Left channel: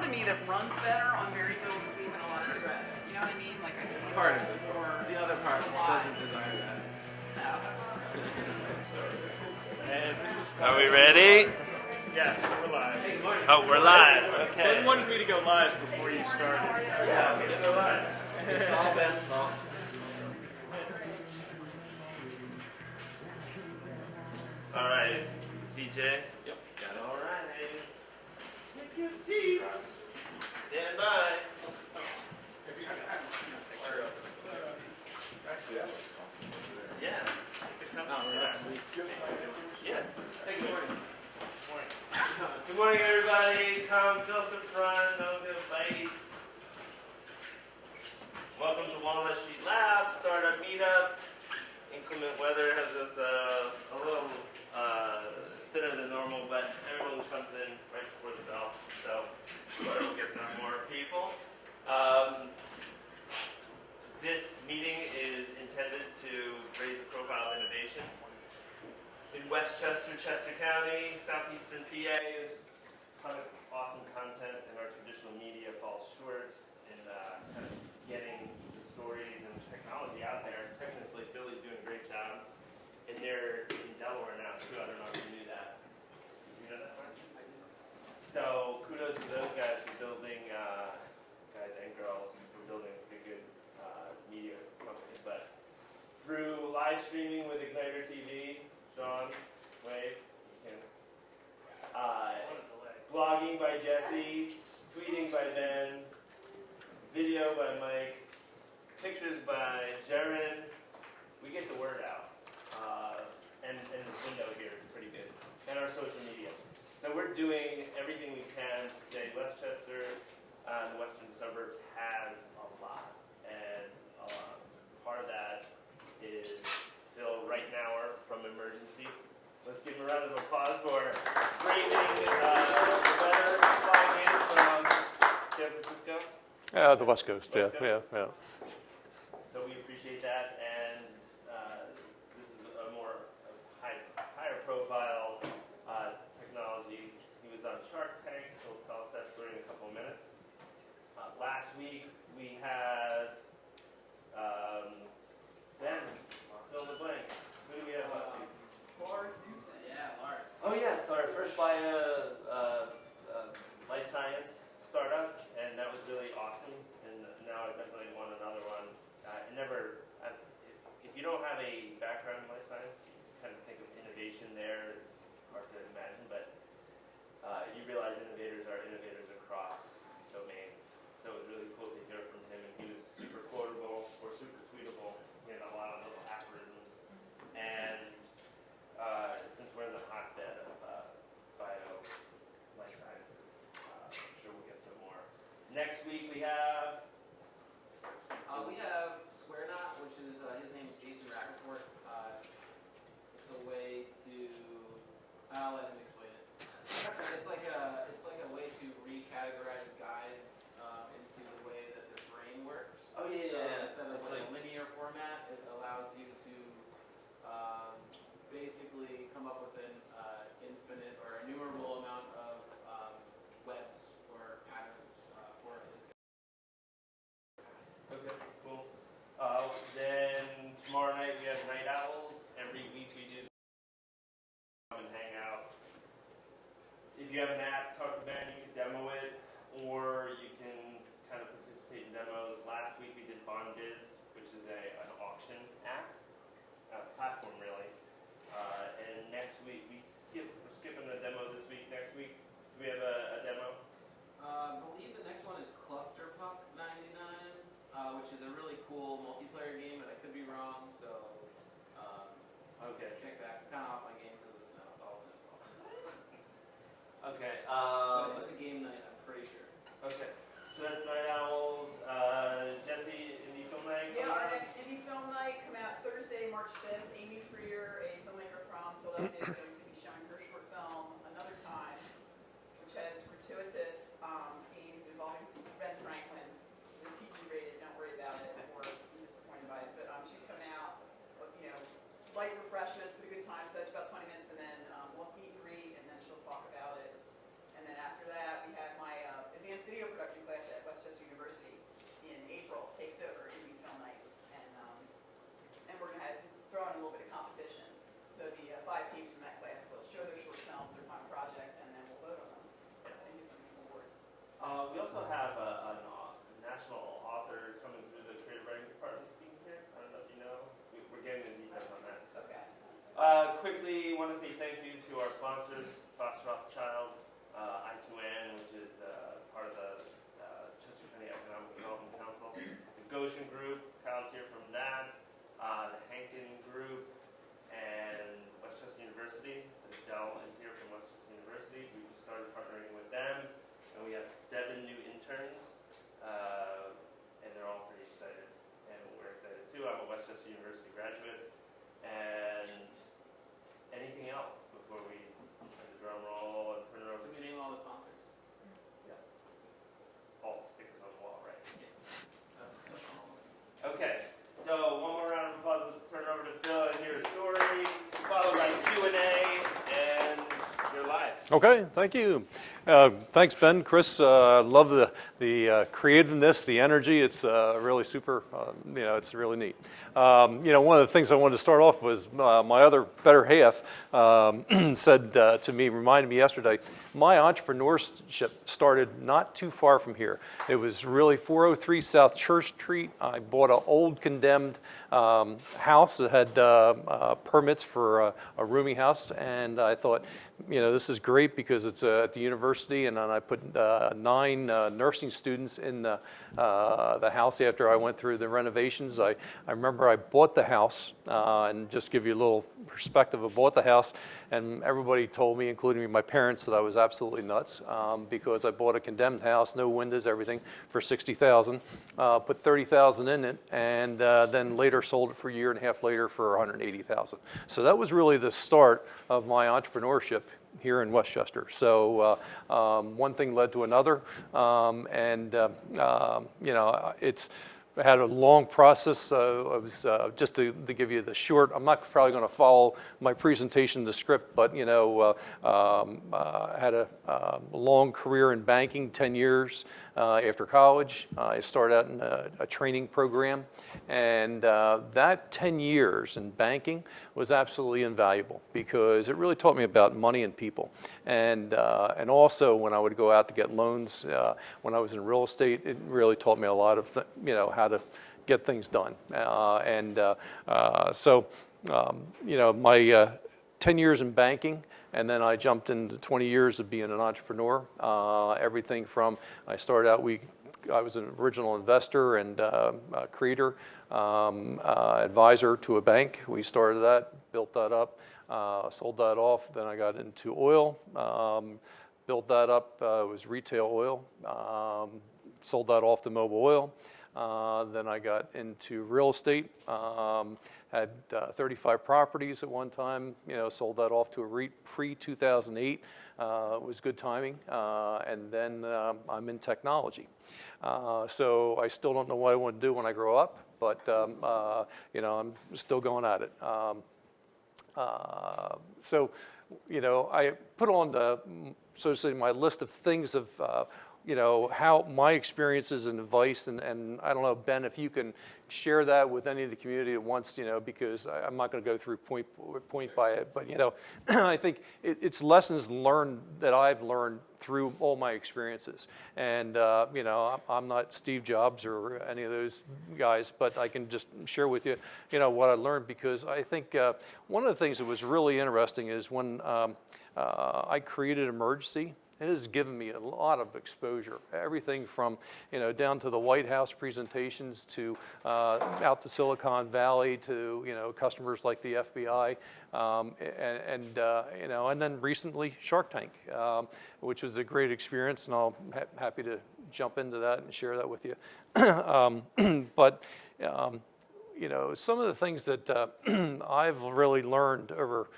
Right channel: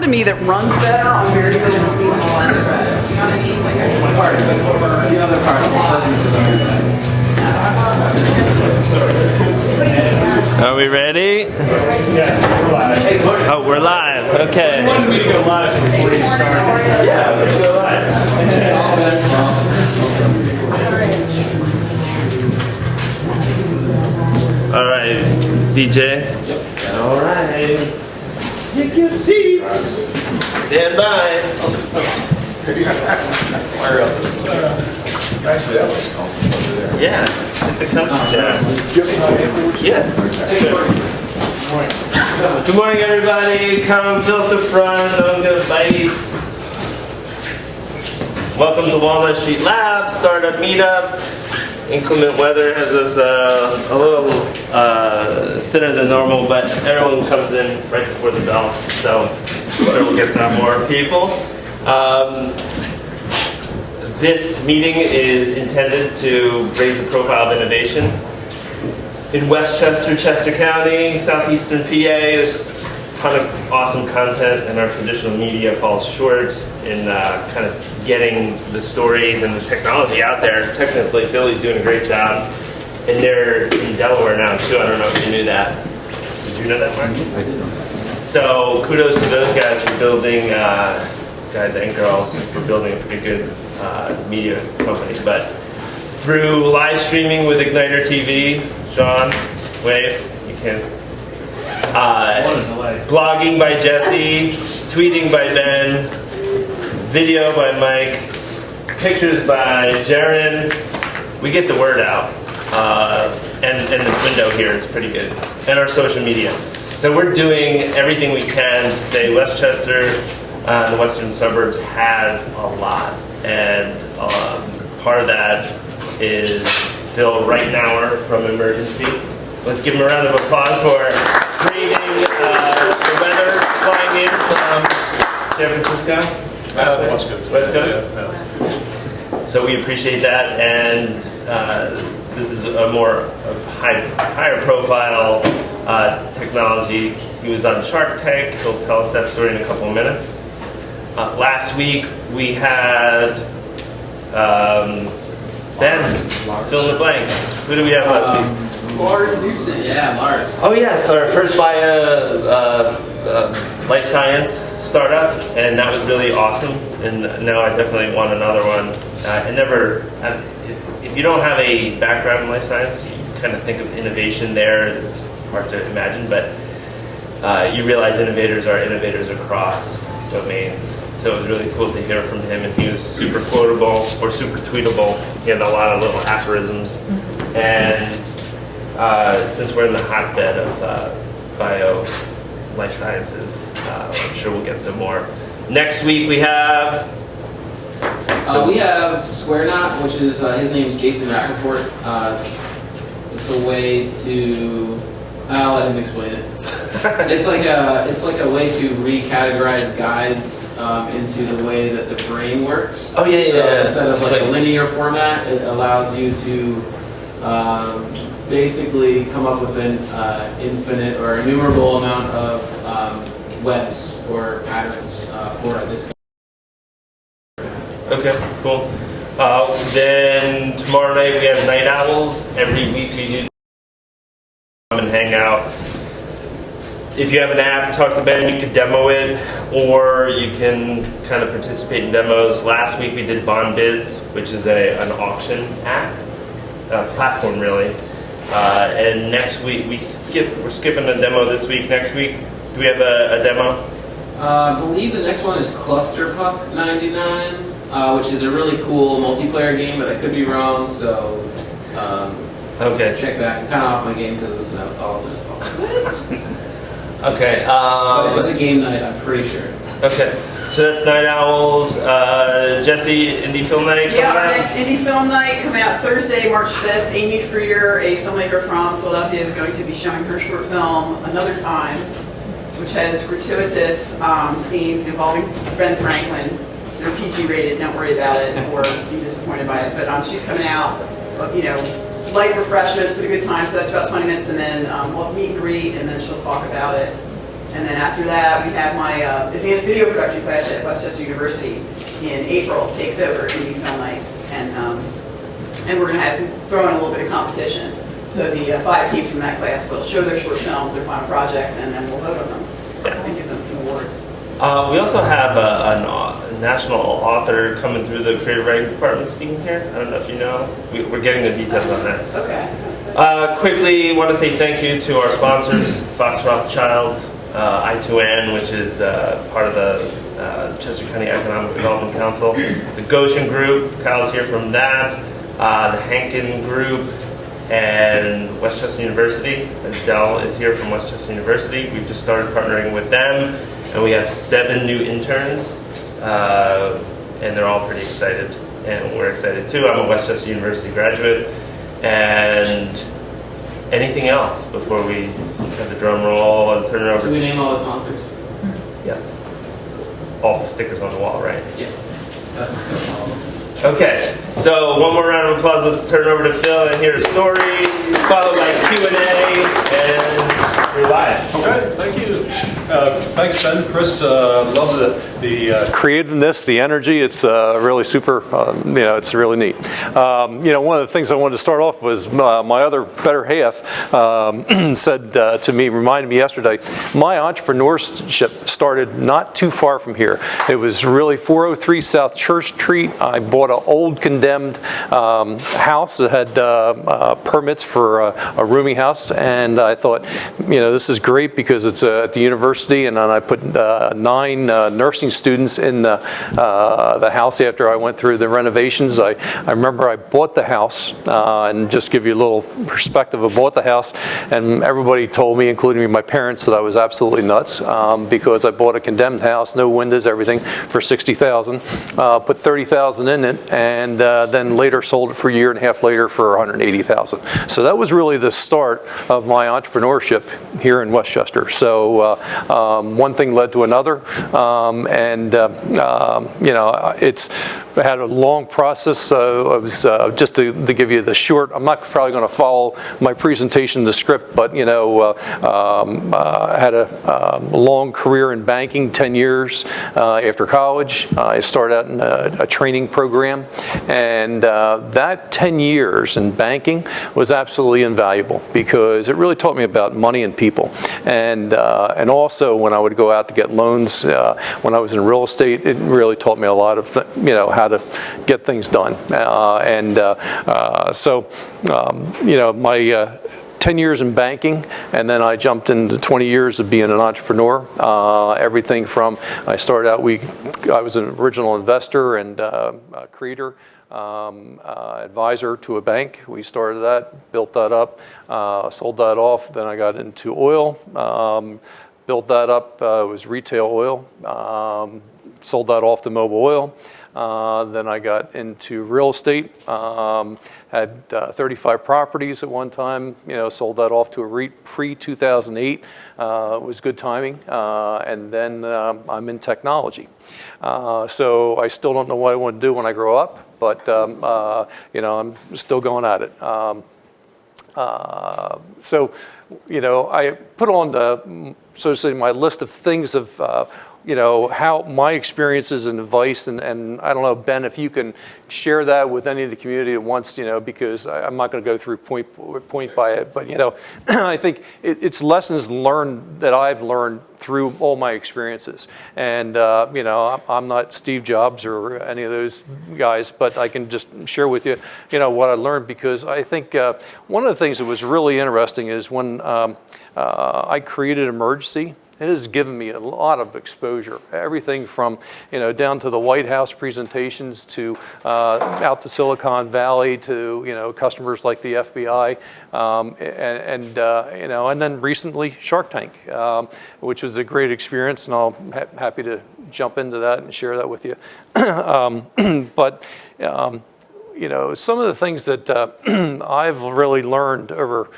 part of me that runs better on very little steam and less stress. You know what I mean? Like The other part doesn't. Are we ready? Yes, we're live. Oh, we're live. Okay. You wanted me to go live before you started. Yeah, let's go live. All right, DJ. All right. Take your seats. Stand by. Actually, that was comfortable over there. Yeah. Get the comfy chair. Yeah. Good morning, everybody. Come fill up the front. I'm gonna bite. Welcome to Walnut Street Lab, Startup Meetup. Inclement weather has us a little thinner than normal, but everyone comes in right before the bell, so we'll get some more people. This meeting is intended to raise the profile of innovation in Westchester, Chester County, southeastern PA. There's a ton of awesome content, and our traditional media falls short in kind of getting the stories and the technology out there. Technically, Philly's doing a great job, and they're in Delaware now too. I don't know if you knew that. Did you know that, Mark? I did know that. So kudos to those guys for building, guys and girls, for building a pretty good media company. But through live streaming with Igniter TV, Sean, wave, you can. Blogging by Jesse, tweeting by Ben, video by Mike, pictures by Jaron. We get the word out, and the window here is pretty good, and our social media. So we're doing everything we can to say Westchester, the western suburbs, has a lot, and part of that is Phil Reitnour from Emergency. Let's give him a round of applause for bringing the weather flying in from San Francisco. West Coast. West Coast? Yeah. So we appreciate that, and this is a more higher profile technology. He was on Shark Tank. He'll tell us that story in a couple of minutes. Last week we had Ben, fill in the blank. Who do we have last week? Lars Newson. Yeah, Lars. Oh yes, our first life science startup, and that was really awesome. And now I definitely want another one. If you don't have a background in life science, you kind of think of innovation there. It's hard to imagine, but you realize innovators are innovators across domains. So it was really cool to hear from him, and he was super quotable or super tweetable. He had a lot of little aphorisms, and since we're in the hotbed of bio life sciences, I'm sure we'll get some more. Next week we have Square Knot, which is his name is Jason Rappaport. It's a way to I'll let him explain it. It's like a way to recategorize guides into the way that the brain works. Oh yeah. So instead of like a linear format, it allows you to basically come up with an infinite or innumerable amount of webs or patterns for this. Okay, cool. Then tomorrow night we have Night Owls. Every week we do come and hang out. If you have an app, talk to Ben, you can demo it, or you can kind of participate in demos. Last week we did Bond Bids, which is an auction app, platform really. And next week we're skipping a demo this week. Next week, do we have a demo? I believe the next one is Cluster Puck 99, which is a really cool multiplayer game, but I could be wrong, so Okay. check that. I'm kind of off my game because of the snow. It's all snow. Okay. But it's a game night, I'm pretty sure. Okay. So that's Night Owls. Jesse, Indie Film Night. Yeah, our next Indie Film Night coming out Thursday, March 5th. Amy Freer, a filmmaker from Philadelphia, is going to be showing her short film, Another Time, which has gratuitous scenes involving Ben Franklin. They're PG rated, don't worry about it or be disappointed by it. But she's coming out, light refreshments, but a good time. So that's about 20 minutes, and then we'll meet and greet, and then she'll talk about it. And then after that, we have my advanced video production class at Westchester University in April, takes over Indie Film Night. And we're going to throw in a little bit of competition. So the 5 teams from that class will show their short films, their final projects, and then we'll vote on them and give them some awards. We also have a national author coming through the creative writing department speaking here. I don't know if you know. We're getting the details on that. Okay. Quickly, want to say thank you to our sponsors, Fox Rothschild, I2N, which is part of the Chester County Economic Development Council, the Goshen Group, Kyle's here from that, the Hankin Group, and Westchester University. Adele is here from Westchester University. We've just started partnering with them, and we have 7 new interns, and they're all pretty excited, and we're excited too. I'm a Westchester University graduate, and anything else before we have the drum roll and turn it over? Do we name all the sponsors? Yes. All the stickers on the wall, right? Yeah. Okay, so one more round of applause. Let's turn it over to Phil and hear a story, followed by Q&A, and we're live. Okay, thank you. Thanks, Ben, Chris. Love the creativeness, the energy. It's really super. It's really neat. One of the things I wanted to start off was my other better half said to me, reminded me yesterday, my entrepreneurship started not too far from here. It was really 403 South Church Street. I bought an old condemned house that had permits for a rooming house, and I thought, this is great because it's at the university, and then I put 9 nursing students in the house after I went through the renovations. I remember I bought the house, and just give you a little perspective, I bought the house, and everybody told me, including my parents, that I was absolutely nuts because I bought a condemned house, no windows, everything, for $60,000, put $30,000 in it, and then later sold it for a year and a half later for $180,000. So that was really the start of my entrepreneurship here in Westchester. So one thing led to another, it's had a long process. I was just to give you the short. I'm not probably going to follow my presentation, the script, but had a long career in banking, 10 years after college. I started out in a training program, and that 10 years in banking was absolutely invaluable because it really taught me about money and people, and also when I would go out to get loans when I was in real estate, it really taught me a lot of how to get things done, my 10 years in banking, and then I jumped into 20 years of being an entrepreneur. Everything from, I started out, I was an original investor and creator, advisor to a bank. We started that, built that up, sold that off. Then I got into oil, built that up, it was retail oil, sold that off to Mobil Oil. Then I got into real estate, had 35 properties at one time, sold that off to a REIT pre-2008. It was good timing. And then I'm in technology. So I still don't know what I want to do when I grow up, but I'm still going at it. I put on so to say, my list of things of how my experiences and advice, and I don't know, Ben, if you can share that with any of the community at once, because I'm not going to go through point by it, but I think it's lessons learned that I've learned through all my experiences, and I'm not Steve Jobs or any of those guys, but I can just share with you, what I learned, because I think one of the things that was really interesting is when I created Emergency. It has given me a lot of exposure. Everything from, down to the White House presentations to out to Silicon Valley to, customers like the FBI, and then recently Shark Tank, which was a great experience, and I'll happy to jump into that and share that with you. But some of the things that I've really learned over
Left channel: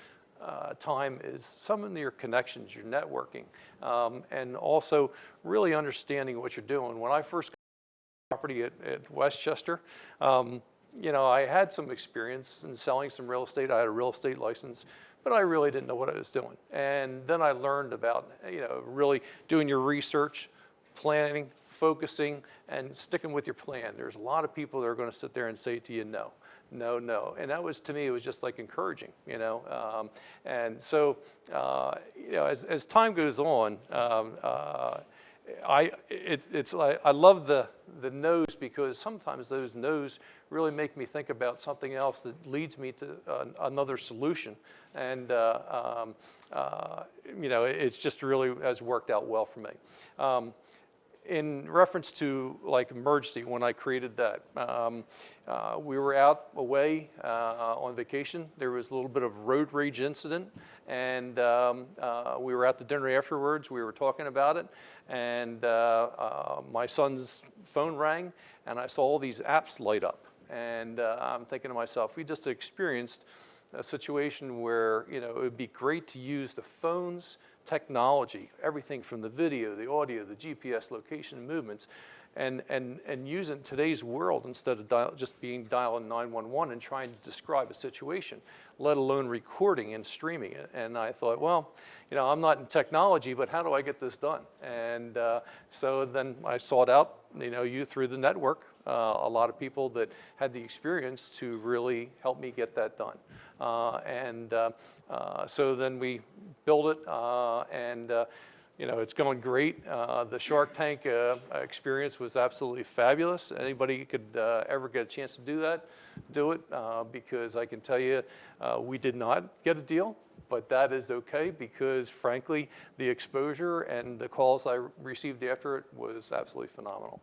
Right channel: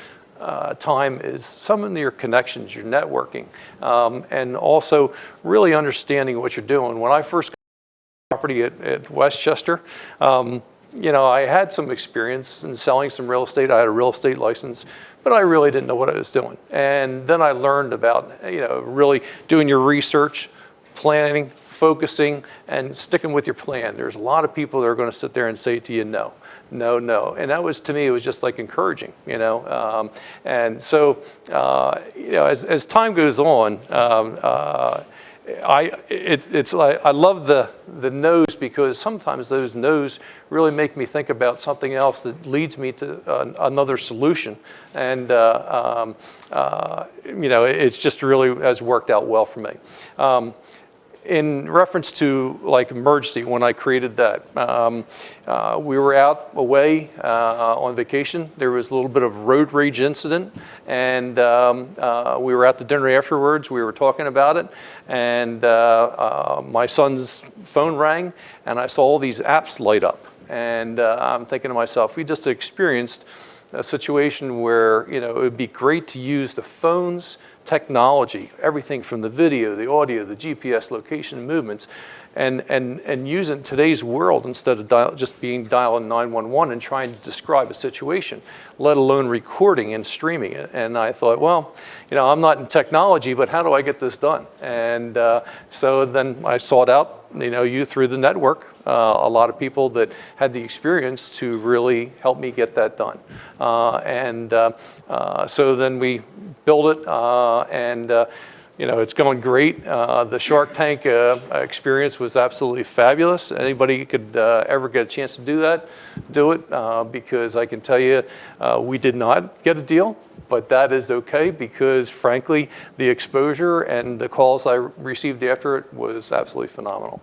time is some of your connections, your networking, and also really understanding what you're doing. When I first got property at Westchester, I had some experience in selling some real estate. I had a real estate license, but I really didn't know what I was doing. And then I learned about, really doing your research, planning, focusing, and sticking with your plan. There's a lot of people that are going to sit there and say to you, no, no, no. And that was, to me, it was just like encouraging, And so, as time goes on, it's like I love the no's, because sometimes those no's really make me think about something else that leads me to another solution, and it's just really has worked out well for me. In reference to like emergency, when I created that, we were out away on vacation. There was a little bit of road rage incident, and we were out to dinner afterwards. We were talking about it, and my son's phone rang, and I saw all these apps light up. And I'm thinking to myself, we just experienced a situation where it would be great to use the phone's technology, everything from the video, the audio, the GPS location and movements, and use it in today's world instead of just dialing 911 and trying to describe a situation, let alone recording and streaming it. And I thought, well, I'm not in technology, but how do I get this done? And so then I sought out, you through the network, a lot of people that had the experience to really help me get that done. So then we built it, and it's going great. The Shark Tank experience was absolutely fabulous. Anybody could ever get a chance to do it, because I can tell you we did not get a deal, but that is okay, because frankly, the exposure and the calls I received after it was absolutely phenomenal.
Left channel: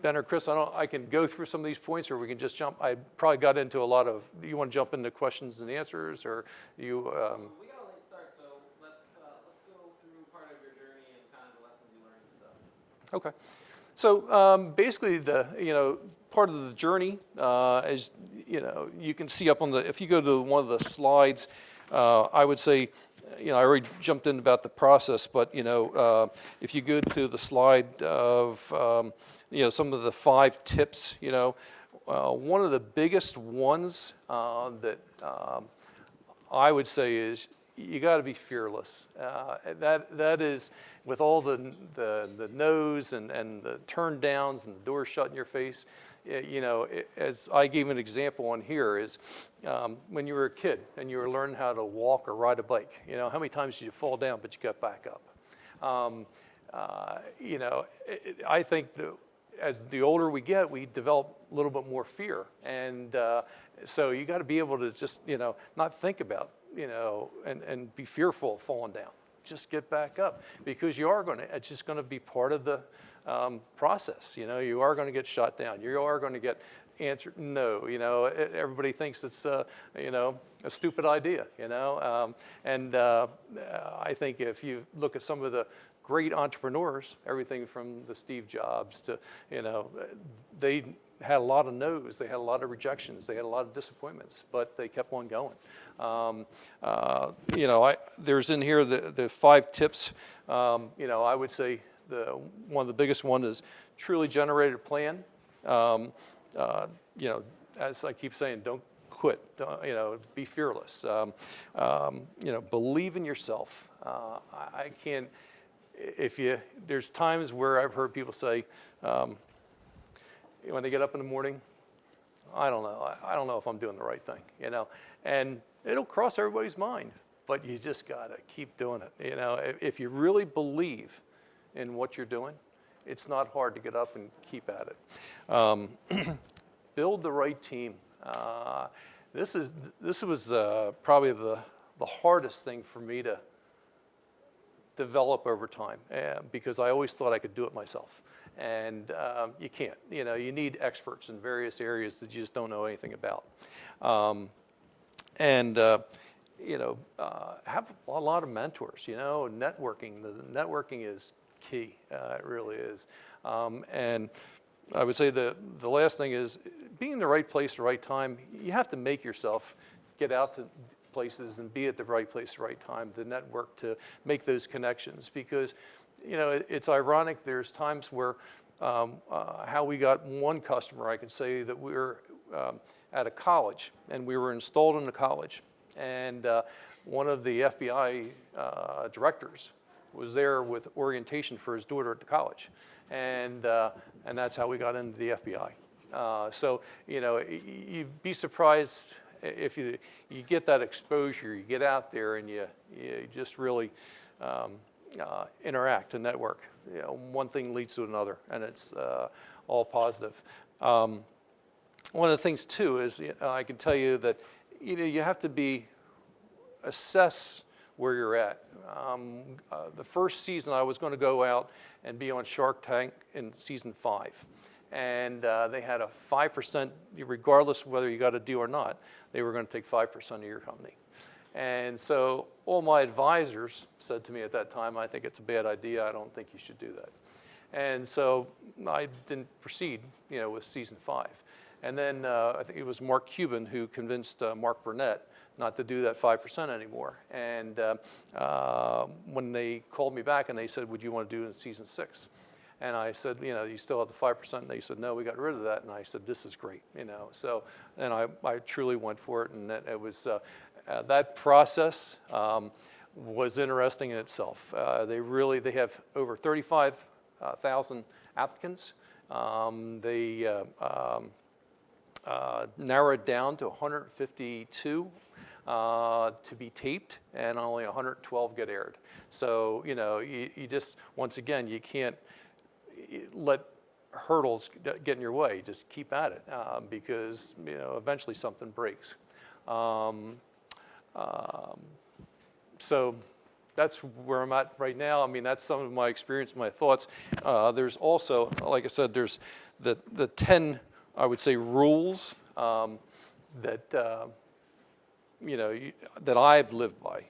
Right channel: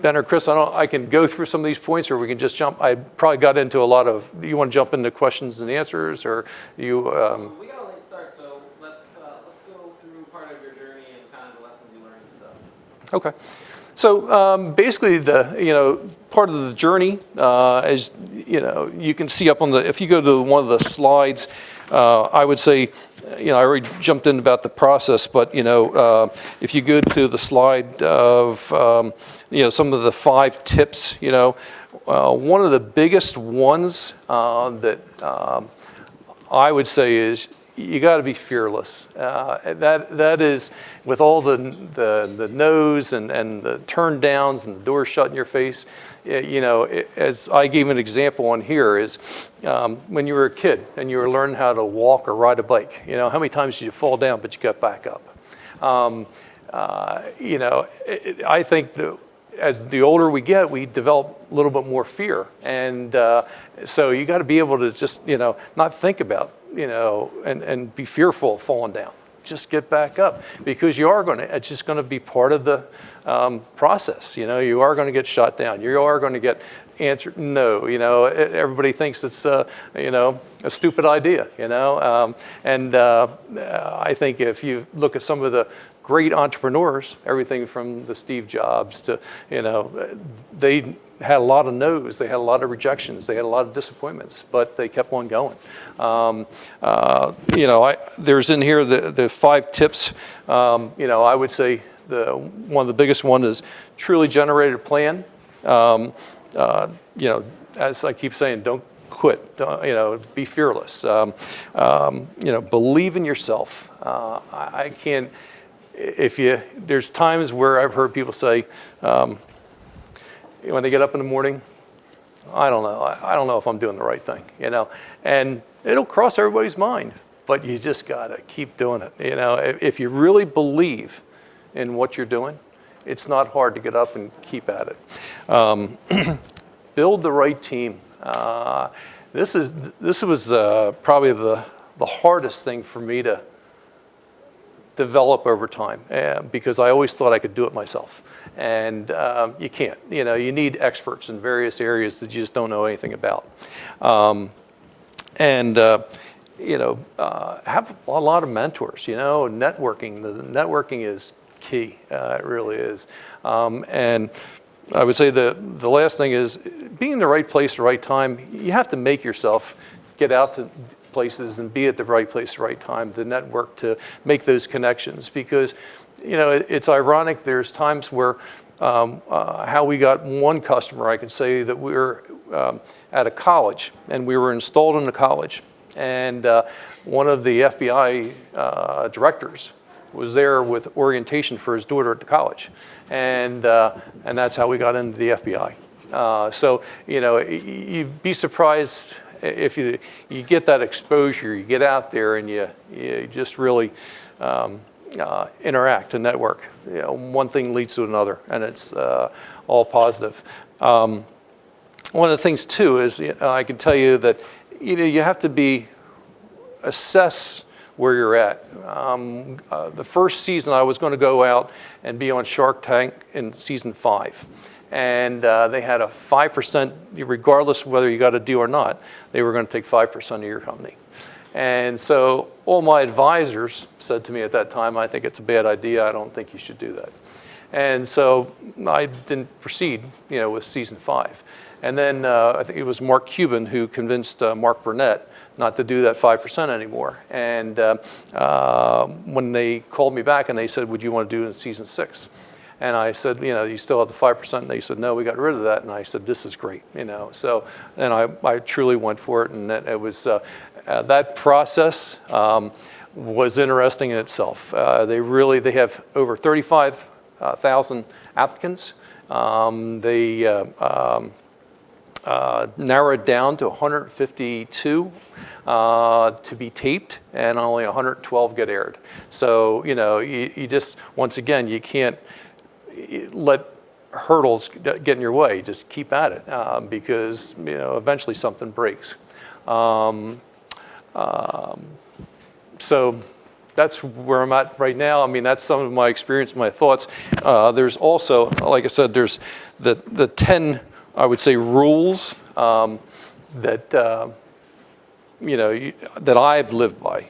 Ben or Chris, I can go through some of these points, or we can just jump. I probably got into a lot of. Do you want to jump into questions and answers, or you? We got a late start, so let's go through part of your journey and kind of the lessons you learned and stuff. Okay. So basically, the part of the journey, is you can see up on the. If you go to one of the slides, I would say. I already jumped in about the process, but if you go to the slide of some of the 5 tips, one of the biggest ones that I would say is you got to be fearless. That is, with all the no's and the turn downs and the doors shut in your face. As I gave an example on here is when you were a kid and you were learning how to walk or ride a bike. How many times did you fall down but you got back up? I think that as the older we get, we develop a little bit more fear, and so you got to be able to just not think about and be fearful of falling down. Just get back up, because it's just going to be part of the process. You are going to get shot down. You are going to get answered no. Everybody thinks it's a stupid idea. I think if you look at some of the great entrepreneurs, everything from the Steve Jobs to they had a lot of no's, they had a lot of rejections, they had a lot of disappointments, but they kept on going. There's in here the 5 tips. I would say one of the biggest one is truly generate a plan. As I keep saying, don't quit. Be fearless. Believe in yourself. I can't. There's times where I've heard people say, when they get up in the morning, I don't know if I'm doing the right thing, and it'll cross everybody's mind, but you just gotta keep doing it. If you really believe in what you're doing, it's not hard to get up and keep at it. Build the right team. This was probably the hardest thing for me to develop over time, because I always thought I could do it myself, and you can't. You need experts in various areas that you just don't know anything about, have a lot of mentors. Networking. The networking is key. It really is, and I would say the last thing is being in the right place, the right time. You have to make yourself get out to places and be at the right place, the right time, the network to make those connections, because it's ironic. There's times where how we got one customer, I can say that we were at a college, and we were installed in the college. And one of the FBI directors was there with orientation for his daughter at the college. And that's how we got into the FBI. So, you know, you'd be surprised if you get that exposure, you get out there and you just really interact and network. You know, one thing leads to another, and it's all positive. One of the things too is I can tell you that you have to assess where you're at. The first season I was going to go out and be on Shark Tank in season 5. And they had a 5%, regardless of whether you got a deal or not, they were going to take 5% of your company. And so all my advisors said to me at that time, I think it's a bad idea, I don't think you should do that. And so I didn't proceed, with season 5. And then I think it was Mark Cuban who convinced Mark Burnett not to do that 5% anymore. And when they called me back and they said, would you want to do it in season 6? And I said, you still have the 5%? And they said, no, we got rid of that. And I said, this is great, So then I truly went for it, and it was that process was interesting in itself. They have over 35,000 applicants. They narrowed down to 152 to be taped, and only 112 get aired. So you just, once again, you can't let hurdles get in your way. Just keep at it because eventually something breaks. So that's where I'm at right now. I mean, that's some of my experience, my thoughts. There's also, like I said, there's the 10, I would say, rules that that I've lived by.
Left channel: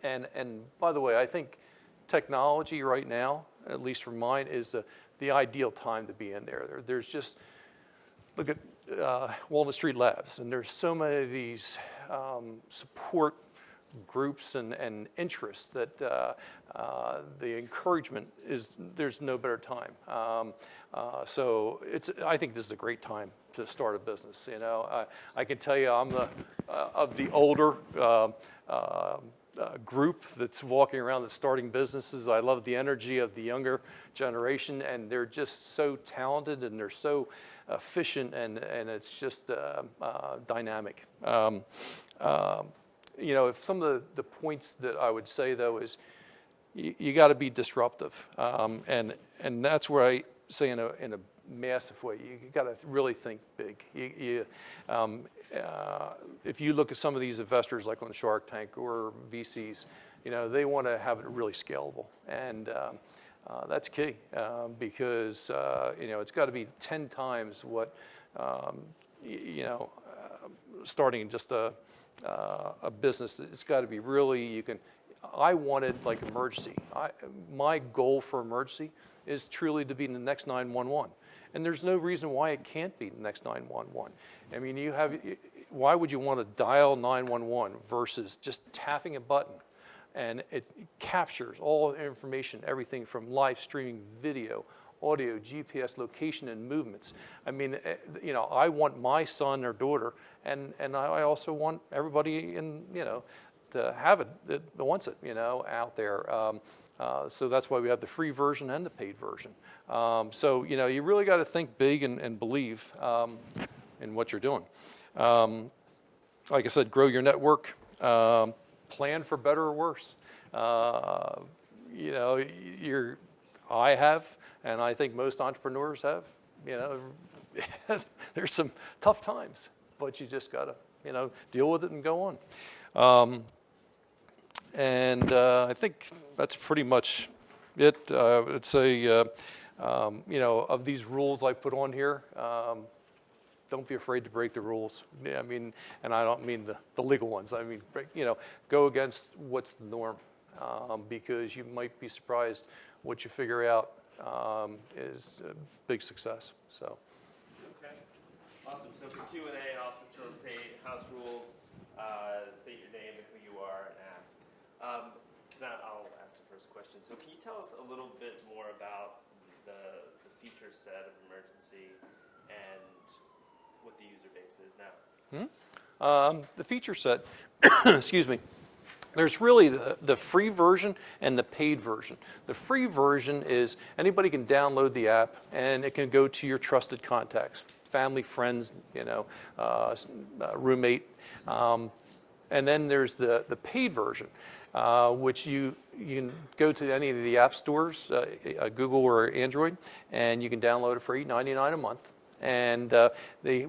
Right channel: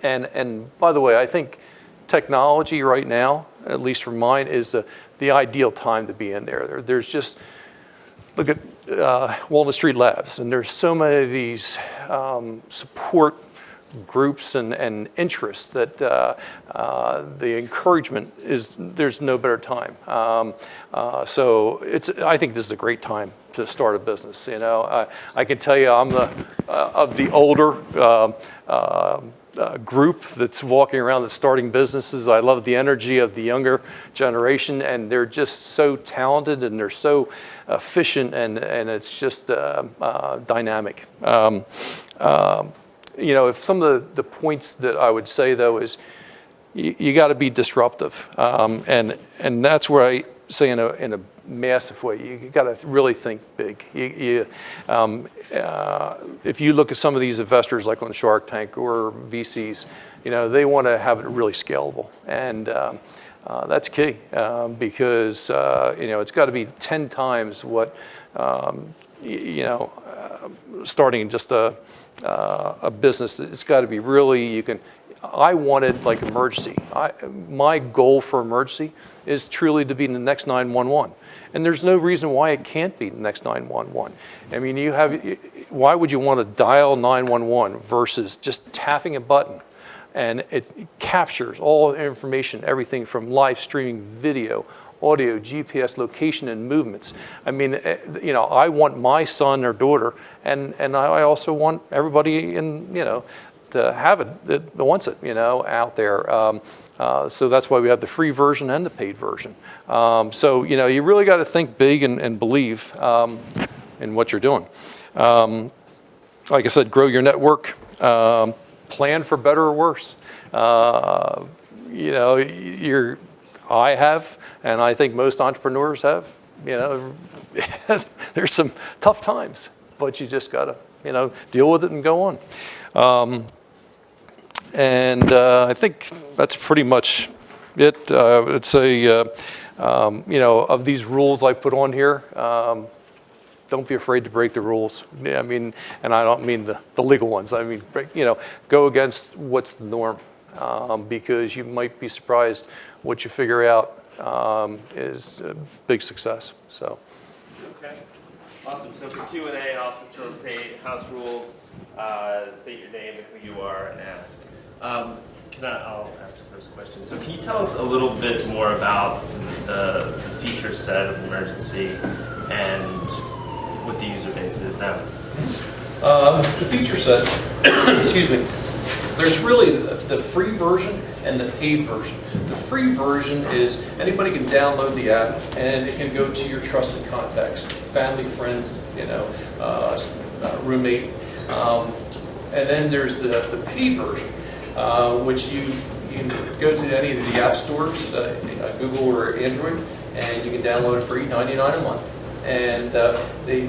And by the way, I think technology right now, at least for mine, is the ideal time to be in there. There's just, look at Walnut Street Labs, and there's so many of these support groups and interests that the encouragement is, there's no better time. So I think this is a great time to start a business. I can tell you I'm of the older group that's walking around that's starting businesses. I love the energy of the younger generation, and they're just so talented and they're so efficient, and it's just dynamic. If some of the points that I would say though is you got to be disruptive, and that's where I say in a massive way, you got to really think big. If you look at some of these investors like on Shark Tank or VCs, they want to have it really scalable, and that's key because it's got to be 10 times what starting just a business. It's got to be really, I wanted like emergency. My goal for emergency is truly to be in the next 911. And there's no reason why it can't be the next 911. I mean, why would you want to dial 911 versus just tapping a button? And it captures all information, everything from live streaming video, audio, GPS, location, and movements. I mean, I want my son or daughter, and I also want everybody to have it that wants it, out there. So that's why we have the free version and the paid version. So you really got to think big and believe in what you're doing. Like I said, grow your network. Plan for better or worse. I have, and I think most entrepreneurs have. There's some tough times, but you just gotta, deal with it and go on. And I think that's pretty much it. I would say, of these rules I put on here, don't be afraid to break the rules. I mean, and I don't mean the legal ones. I mean, go against what's the norm, because you might be surprised what you figure out is a big success. So. Okay, awesome. So for Q&A, I'll facilitate house rules. State your name and who you are and ask. I'll ask the first question. So can you tell us a little bit more about the feature set of Emergency and what the user base is now? The feature set, excuse me, there's really the free version and the paid version. The free version is anybody can download the app and it can go to your trusted contacts, family, friends, roommate. And then there's the paid version, which you can go to any of the app stores, Google or Android, and you can download it for $8.99 a month. And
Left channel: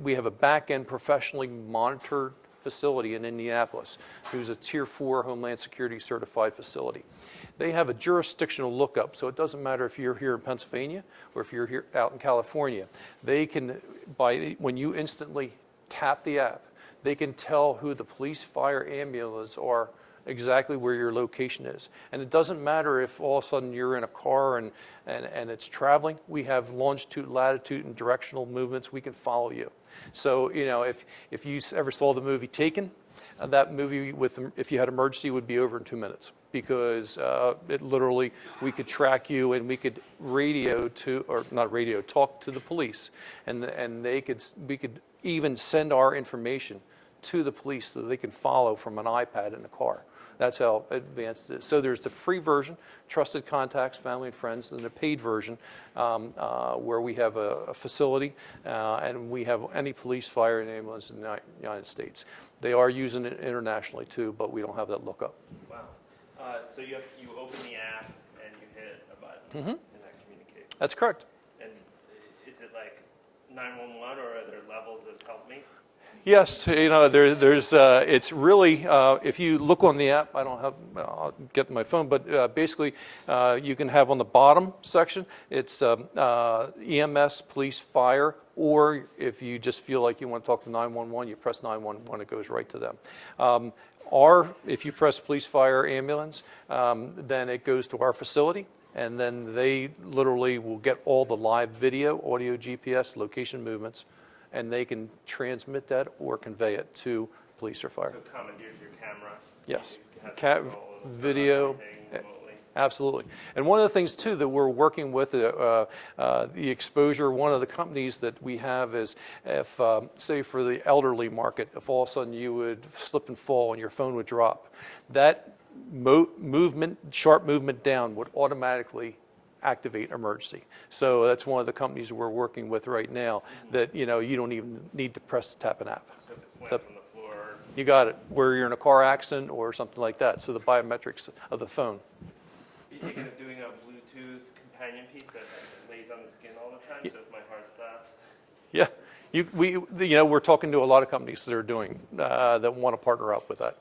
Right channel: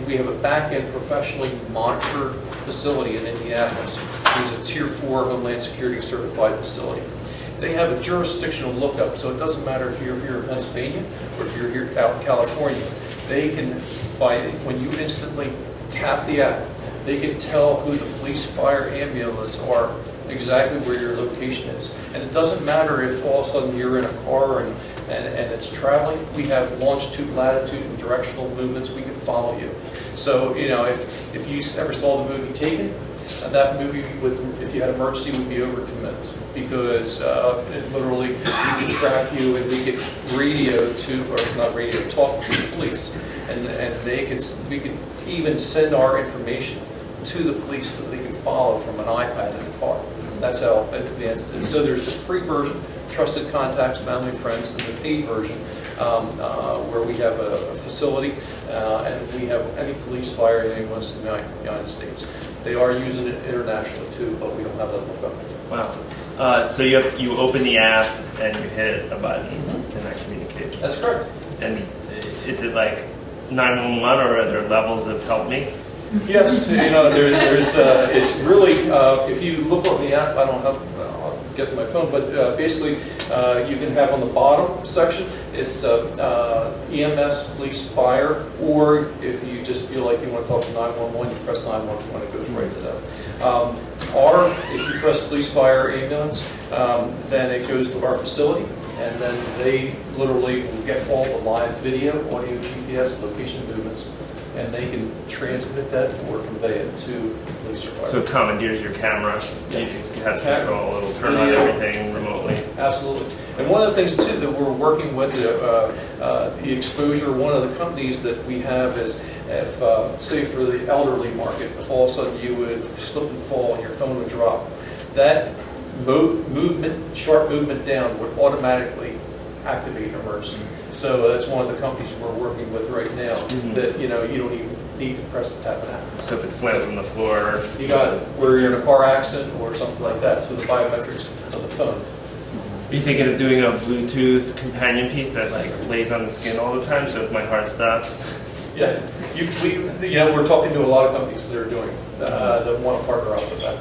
we have a back-end professionally monitored facility in Indianapolis. It's a Tier 4 Homeland Security certified facility. They have a jurisdictional lookup, so it doesn't matter if you're here in Pennsylvania or if you're here out in California. They can, when you instantly tap the app, they can tell who the police, fire, ambulance are, exactly where your location is. And it doesn't matter if all of a sudden you're in a car and it's traveling. We have longitude, latitude, and directional movements. We can follow you. So, if you ever saw the movie Taken, that movie if you had emergency would be over 2 minutes because it literally, we could track you and we could talk to the police. And we could even send our information to the police so they can follow from an iPad in the car. That's how advanced it is. So there's the free version, trusted contacts, family and friends, and the paid version where we have a facility and we have any police, fire, and ambulance in the United States. They are using it internationally too, but we don't have that lookup. Wow. So you open the app and you hit a button and that communicates. That's correct. And is it like 911 or are there levels of help me? Yes, there's it's really, if you look on the app, I don't have, I'll get my phone, but basically you can have on the bottom section, it's EMS, police, fire, or if you just feel like you want to talk to 911, you press 911, it goes right to them. Or if you press police, fire, ambulance, then it goes to our facility, and then they literally will get all the live video, audio, GPS, location movements, and they can transmit that or convey it to police or fire. So it commandeers your camera. Yes. You have control. It'll turn on everything remotely. Absolutely. And one of the things too that we're working with the exposure. One of the companies that we have is if say for the elderly market, if all of a sudden you would slip and fall and your phone would drop, that sharp movement down would automatically activate an emergency. So that's one of the companies we're working with right now that you don't even need to press the tap and act. So if it slams on the floor, You got it. Where you're in a car accident or something like that. So the biometrics of the phone. are you thinking of doing a Bluetooth companion piece that like lays on the skin all the time? So if my heart stops, Yeah, we're talking to a lot of companies that are doing that want to partner up with that.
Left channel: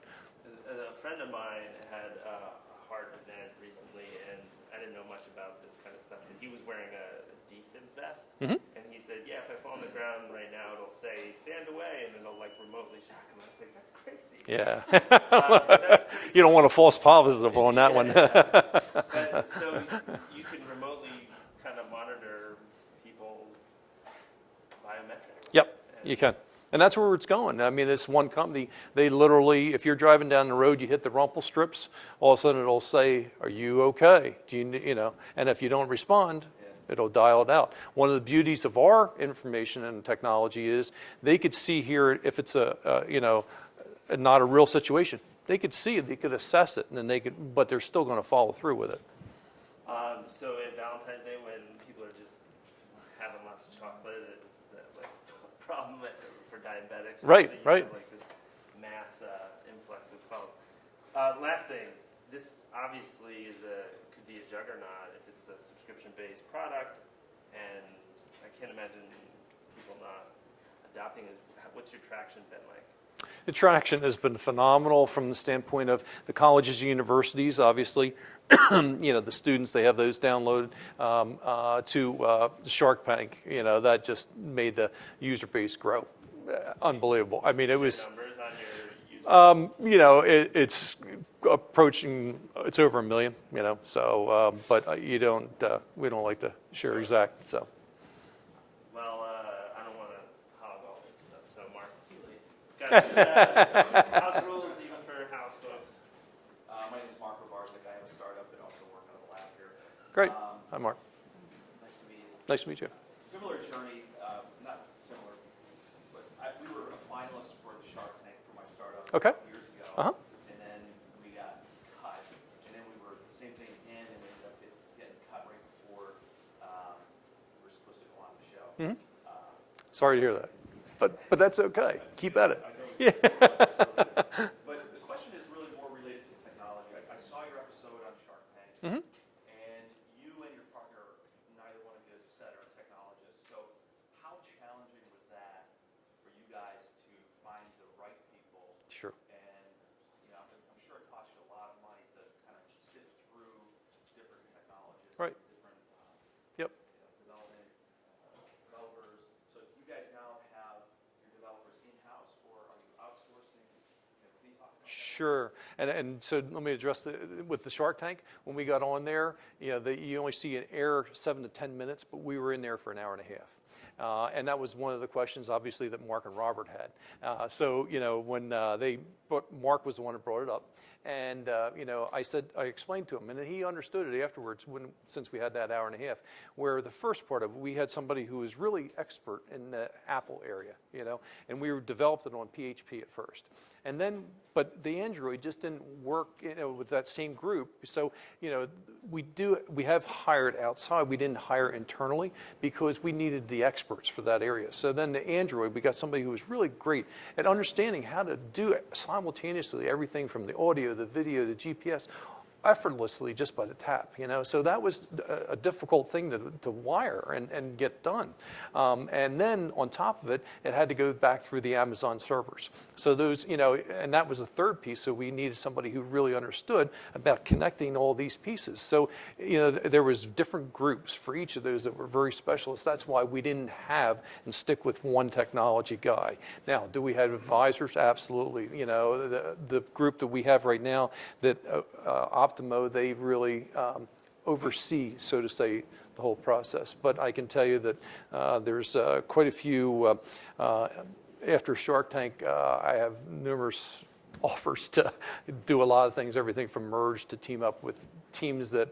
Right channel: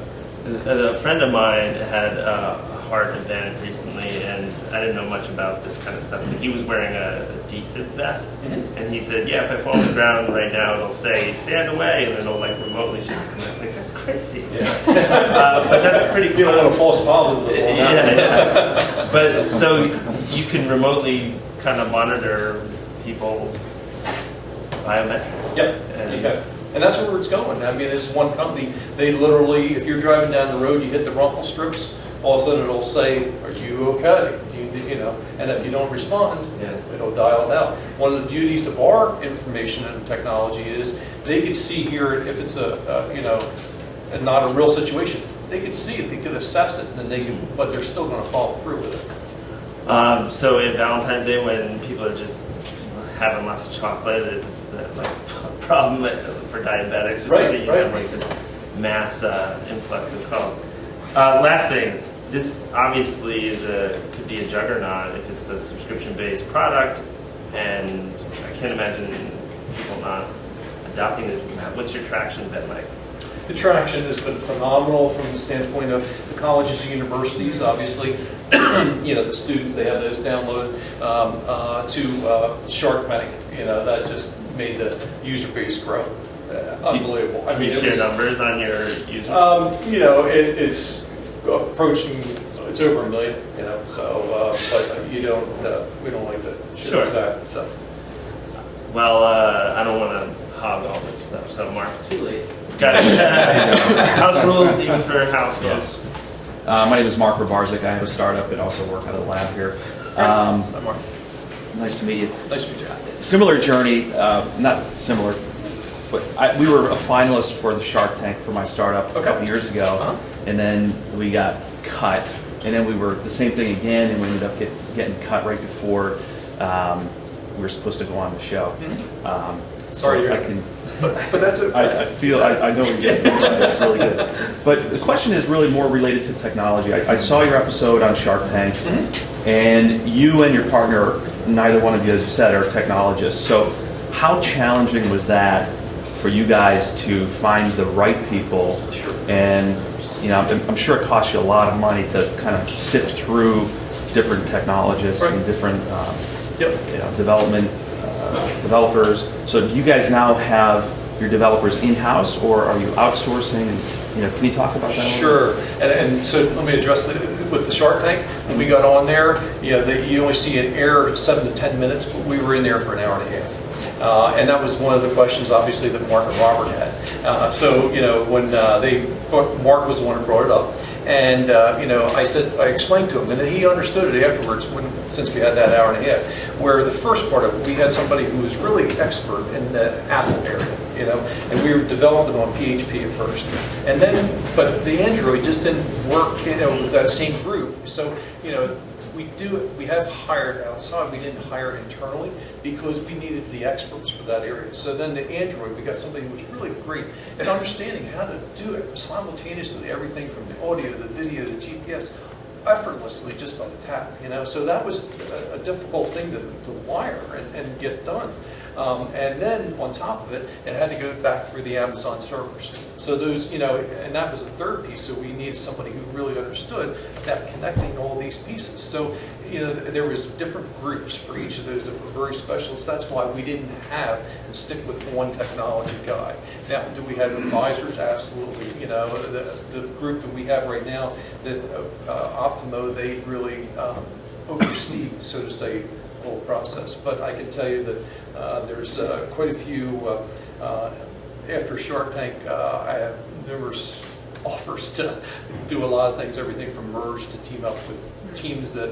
a friend of mine had a heart event recently, and I didn't know much about this kind of stuff. But he was wearing a defib vest, and he said, "Yeah, if I fall on the ground right now, it'll say stand away, and then it'll like remotely shoot." And I was like, "That's crazy." Yeah. But that's pretty. You don't want a false positive on that. Yeah. But so you can remotely kind of monitor people's biometrics. Yep. Okay. And that's where it's going. I mean, this one company, they literally, if you're driving down the road, you hit the rumple strips, all of a sudden it'll say, "Are you okay?" And if you don't respond, it'll dial it out. One of the beauties of our information and technology is they could see here if it's not a real situation. They could see it, they could assess it, and but they're still going to follow through with it. So in Valentine's Day, when people are just having lots of chocolate, it's that like problem for diabetics or something. You have like this mass influx of calls. Last thing, this obviously could be a juggernaut if it's a subscription-based product, and I can't imagine people not adopting this. What's your traction been like? The traction has been phenomenal from the standpoint of the colleges and universities. Obviously, the students, they have those download to Shark Tank. That just made the user base grow. Unbelievable. I mean, share numbers on your users. It's approaching. It's over 1 million. So, but we don't like to share exact stuff. Well, I don't want to hog all this stuff. So, Mark. Too late. Got it. House rules, even for house folks. My name is Mark Rabarzik. I have a startup and also work at a lab here. Hi, Mark. Nice to meet you. Nice to meet you. Similar journey, not similar, but we were a finalist for the Shark Tank for my startup a couple years ago, and then we got cut, and then we were the same thing again, and we ended up getting cut right before we were supposed to go on the show. Sorry, so I can. But that's okay. I know what you're doing. That's really good. But the question is really more related to technology. I saw your episode on Shark Tank, and you and your partner, neither one of you, as you said, are technologists. So how challenging was that for you guys to find the right people? Sure. And I'm sure it costs you a lot of money to kind of sift through different technologists and different developers. So do you guys now have your developers in-house, or are you outsourcing? And, can you talk about that? Sure, and so let me address with the Shark Tank. When we got on there, you only see an air 7 to 10 minutes, but we were in there for an hour and a half. And that was one of the questions, obviously, that Mark and Robert had. So, when Mark was the one who brought it up, and I explained to him, and then he understood it afterwards since we had that hour and a half. Where the first part of it, we had somebody who was really expert in the Apple area, and we developed it on PHP at first, and then but the Android just didn't work, with that same group. So, we have hired outside. We didn't hire internally because we needed the experts for that area. So then the Android, we got somebody who was really great at understanding how to do it simultaneously, everything from the audio, the video, the GPS, effortlessly just by the tap. So that was a difficult thing to wire and get done. And then on top of it, it had to go back through the Amazon servers. So those, and that was the third piece. So we needed somebody who really understood about connecting all these pieces. So, there was different groups for each of those that were very specialists. That's why we didn't have and stick with one technology guy. Now, do we have advisors? Absolutely. The group that we have right now, that Optimo, they really oversee, so to say, the whole process. But I can tell you that there's quite a few, after Shark Tank, I have numerous offers to do a lot of things, everything from merge to team up with teams that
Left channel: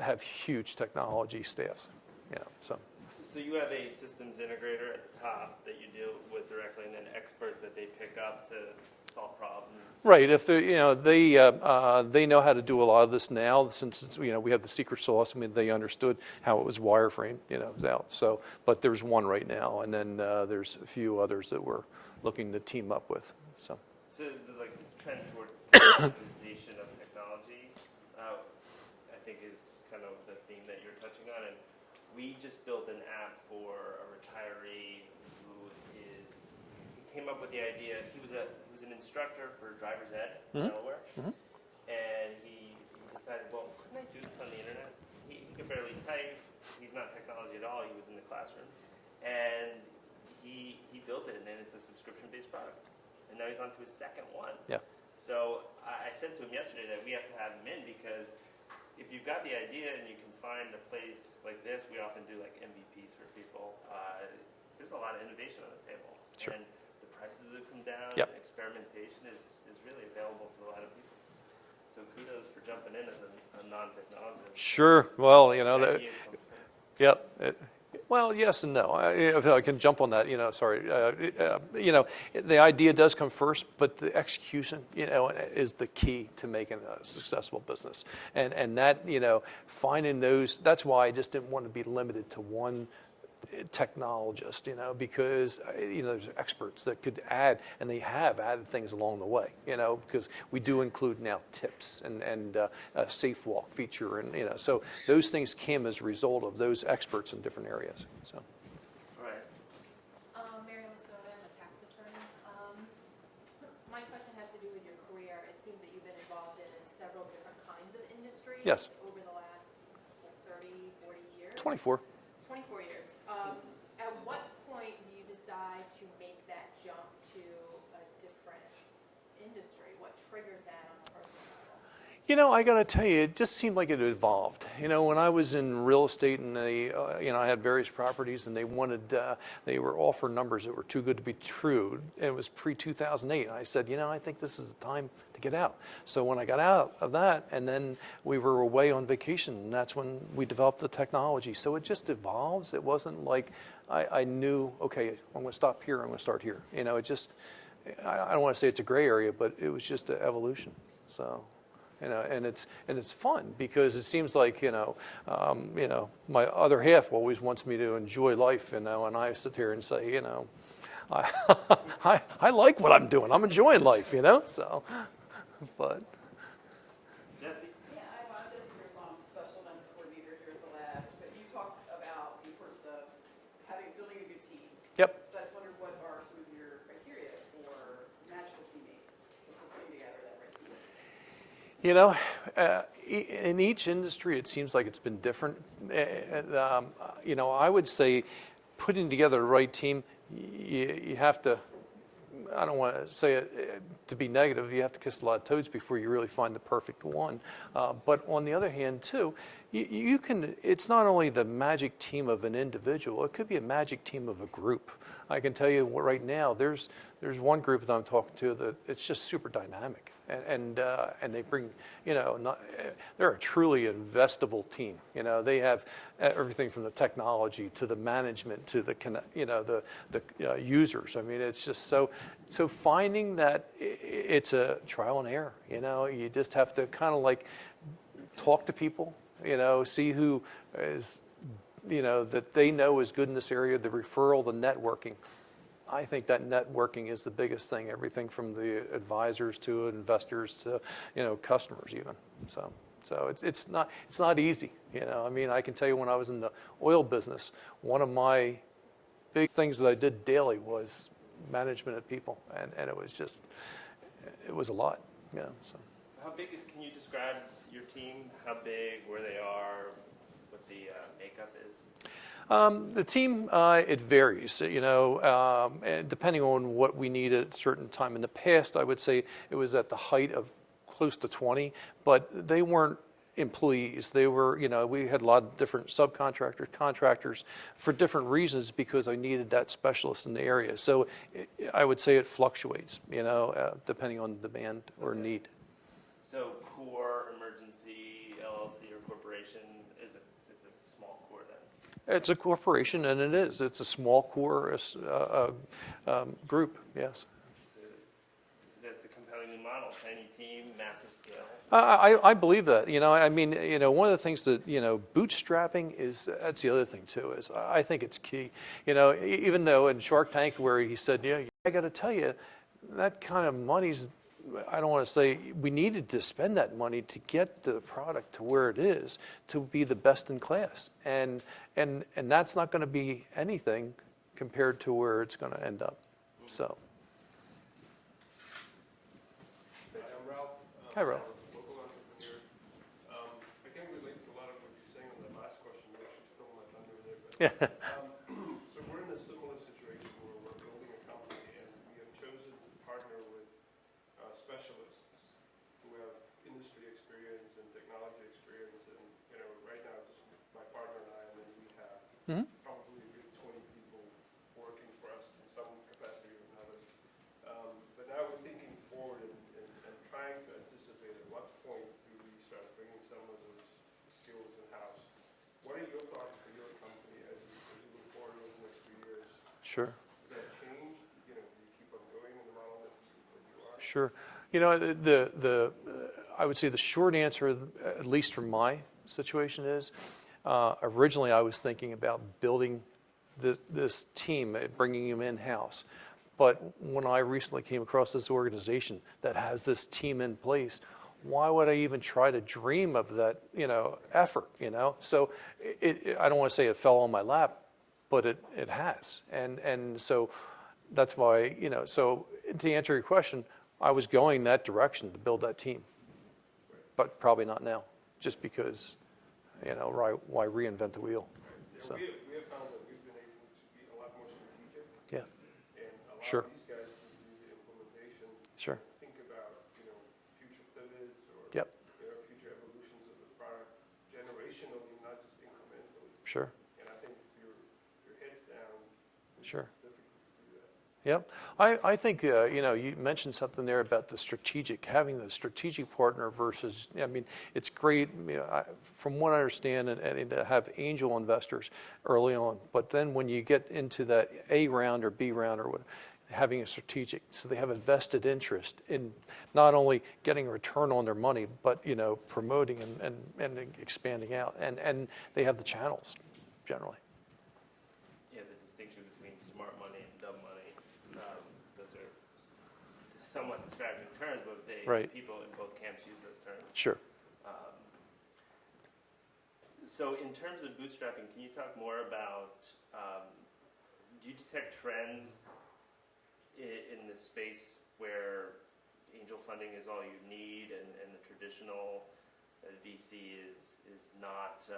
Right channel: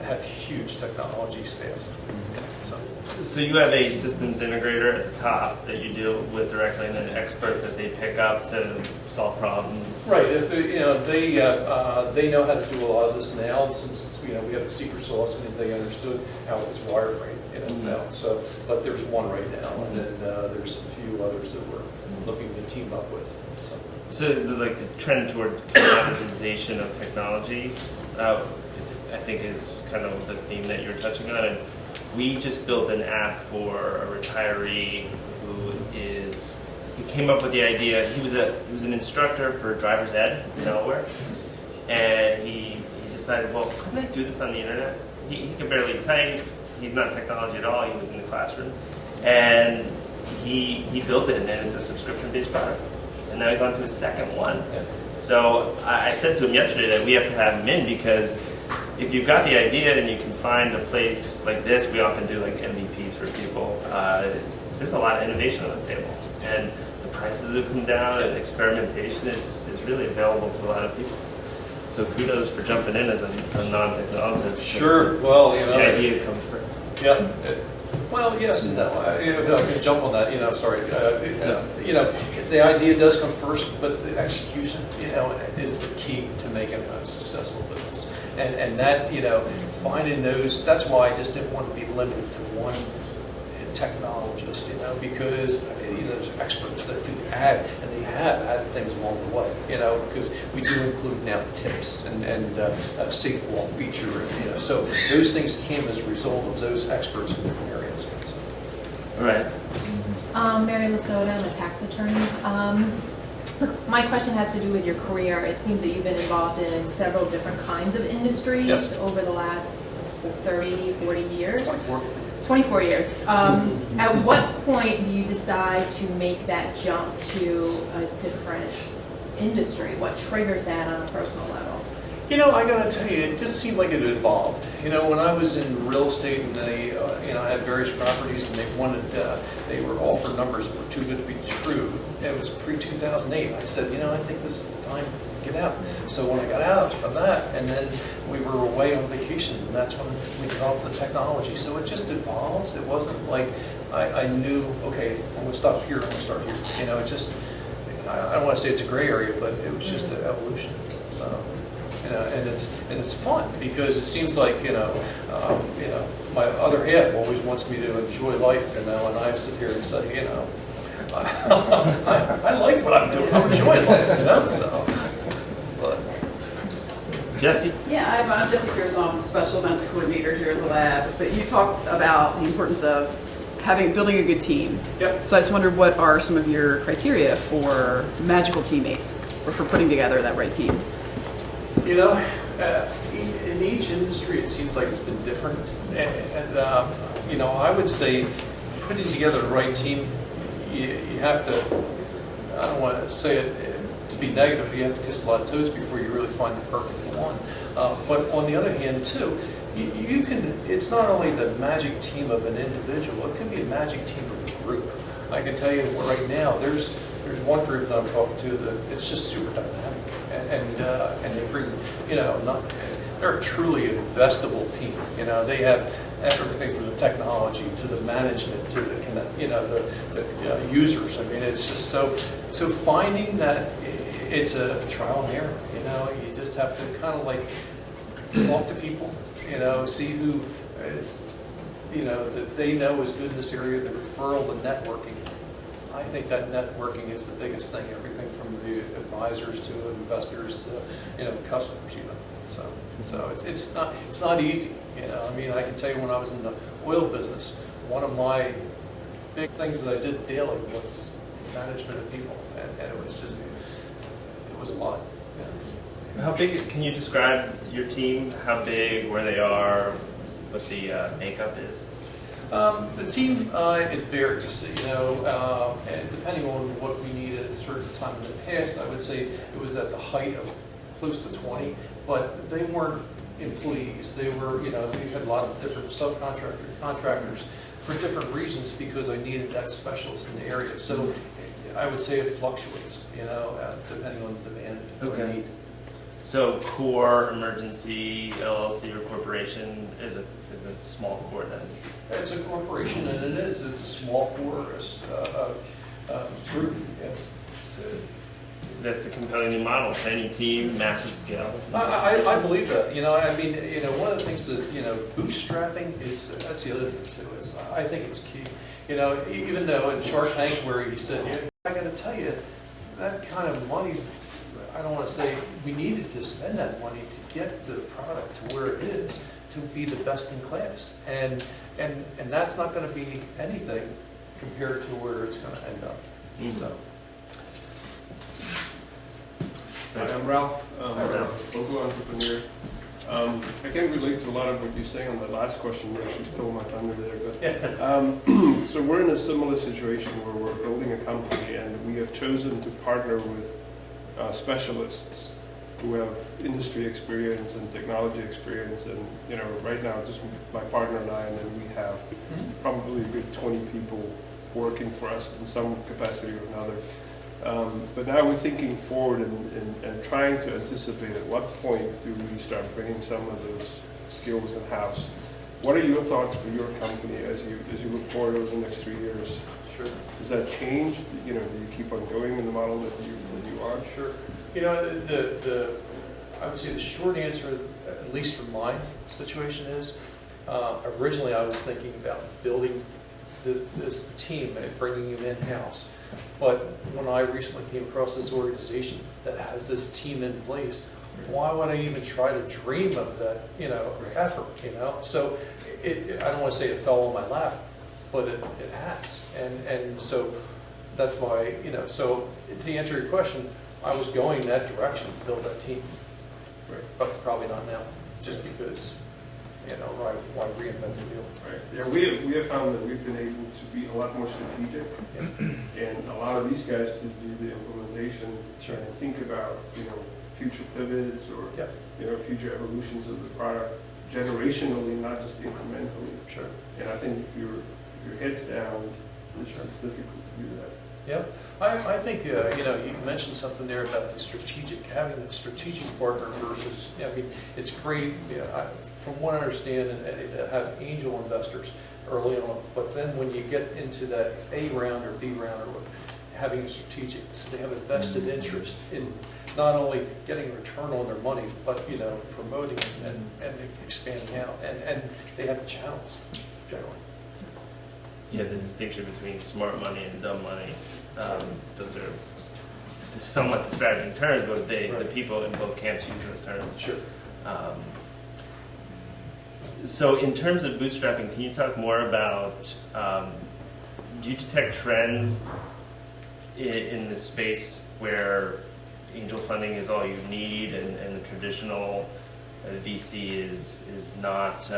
have huge technology staffs. So you have a systems integrator at the top that you deal with directly, and then experts that they pick up to solve problems. Right. If they, they know how to do a lot of this now, since we have the secret sauce, and they understood how it was wireframe, now. So, but there's one right now, and then there's a few others that we're looking to team up with. So like the trend toward commoditization of technology, I think is kind of the theme that you're touching on. And we just built an app for a retiree he came up with the idea. He was an instructor for driver's ed in Delaware, and he decided, well, couldn't I do this on the internet? He could barely type. He's not technology at all. He was in the classroom, and he built it, and then it's a subscription-based product. And now he's on to his second one. So I said to him yesterday that we have to have him in, because if you've got the idea and you can find a place like this, we often do like MVPs for people. There's a lot of innovation on the table, and the prices have come down, and experimentation is really available to a lot of people. So kudos for jumping in as a non-technologist. Sure. Well, the idea comes first. Yeah. Well, yes and no. If I can jump on that, sorry. The idea does come first, but the execution, is the key to making a successful business. And that, finding those, that's why I just didn't want to be limited to one technologist, because, there's experts that can add, and they have added things along the way, because we do include now tips and safe walk feature, so those things came as a result of those experts in different areas. All right. Mary Lasota, I'm a tax attorney. Look, my question has to do with your career. It seems that you've been involved in several different kinds of industries over the last 30, 40 years. 24 years. At what point do you decide to make that jump to a different industry? What triggers that on a personal level? You know, I gotta tell you, it just seemed like it evolved. You know, when I was in real estate and they, you know, I had various properties and they wanted, they were offered numbers that were too good to be true. It was pre-2008. I said, you know, I think this is the time to get out. So when I got out of that, and then we were away on vacation, and that's when we developed the technology. So it just evolves. It wasn't like I knew, okay, I'm gonna stop here, I'm gonna start here. You know, it just, I don't wanna say it's a gray area, but it was just an evolution, so. And it's fun because it seems like you know my other half always wants me to enjoy life, and I sit here and say, you know, I like what I'm doing. I'm enjoying life, you know. So, but Jesse? Yeah, I'm Jesse Pearson, I'm Special Events Coordinator here at the lab. But you talked about the importance of building a good team. Yep. So I just wondered, what are some of your criteria for magical teammates, or for putting together that right team? you know, in each industry, it seems like it's been different. And you know, I would say putting together the right team, you have to, I don't want to say it to be negative, but you have to kiss a lot of toes before you really find the perfect one. But on the other hand, too, you can, it's not only the magic team of an individual, it can be a magic team of a group. I can tell you right now, there's one group that I'm talking to that it's just super dynamic, and they bring, you know, they're a truly investable team. You know, they have everything from the technology to the management to the the users. I mean, it's just so finding that it's a trial and error. You know, you just have to kind of like talk to people. You know, see who is, you know, that they know is good in this area. The referral, the networking. I think that networking is the biggest thing. Everything from the advisors to investors to, you know, customers. You know, so it's not easy. You know, I mean, I can tell you when I was in the oil business, one of my big things that I did daily was management of people, and it was just, it was a lot. You know. How big, can you describe your team, how big, where they are, what the makeup is? The team, it varies, you know, and depending on what we need at a certain time. In the past, I would say it was at the height of close to 20, but they weren't employees. They were, you know, we had a lot of different contractors for different reasons because I needed that specialist in the area. So I would say it fluctuates, you know, depending on the demand or need. So core, emergency, LLC, or corporation is a small core then? It's a corporation, and it is. It's a small core group, yes. So that's the compelling model. Tiny team, massive scale. I believe that. You know, I mean, you know, one of the things that, you know, bootstrapping is, that's the other thing too, is I think it's key. You know, even though in Shark Tank where he said, yeah, I got to tell you, that kind of money's, I don't want to say we needed to spend that money to get the product to where it is, to be the best in class. And that's not going to be anything compared to where it's going to end up. Mm-hmm. So. Hi, I'm Ralph. I'm a local entrepreneur. I can relate to a lot of what you're saying on the last question. You actually stole my thunder there. But, so we're in a similar situation where we're building a company and we have chosen to partner with specialists who have industry experience and technology experience. And, you know, right now, just my partner and I, and then we have probably a good 20 people working for us in some capacity or another. But now we're thinking forward and trying to anticipate at what point do we start bringing some of those skills in-house. What are your thoughts for your company as you look forward over the next 3 years? Sure. Does that change? You know, do you keep on going in the model that you are? Sure. You know, I would say the short answer, at least from my situation, is originally I was thinking about building this team and bringing them in-house. But when I recently came across this organization that has this team in place, why would I even try to dream of that, you know, effort, you know? So I don't want to say it fell on my lap, but it has. And so that's why, you know, so to answer your question, I was going that direction, build that team. Right. But probably not now, just because, you know, why reinvent the wheel? Right. Yeah, we have found that we've been able to be a lot more strategic and allow these guys to do the implementation and think about, you know, future pivots or Yep. future evolutions of the product generationally, not just incrementally. Sure. And I think if your head's down, Sure. it's difficult to do that. Yep. I think, you mentioned something there about having the strategic partner versus, I mean, it's great, from what I understand, and Eddie, to have angel investors early on, but then when you get into that A round or B round or what, having a strategic, so they have a vested interest in not only getting a return on their money, but, promoting and expanding out, and they have the channels, generally. Yeah, the distinction between smart money and dumb money, those are somewhat disparaging terms, but the Right. people in both camps use those terms. Sure. So in terms of bootstrapping, can you talk more about, do you detect trends in this space where angel funding is all you need and the traditional VC is not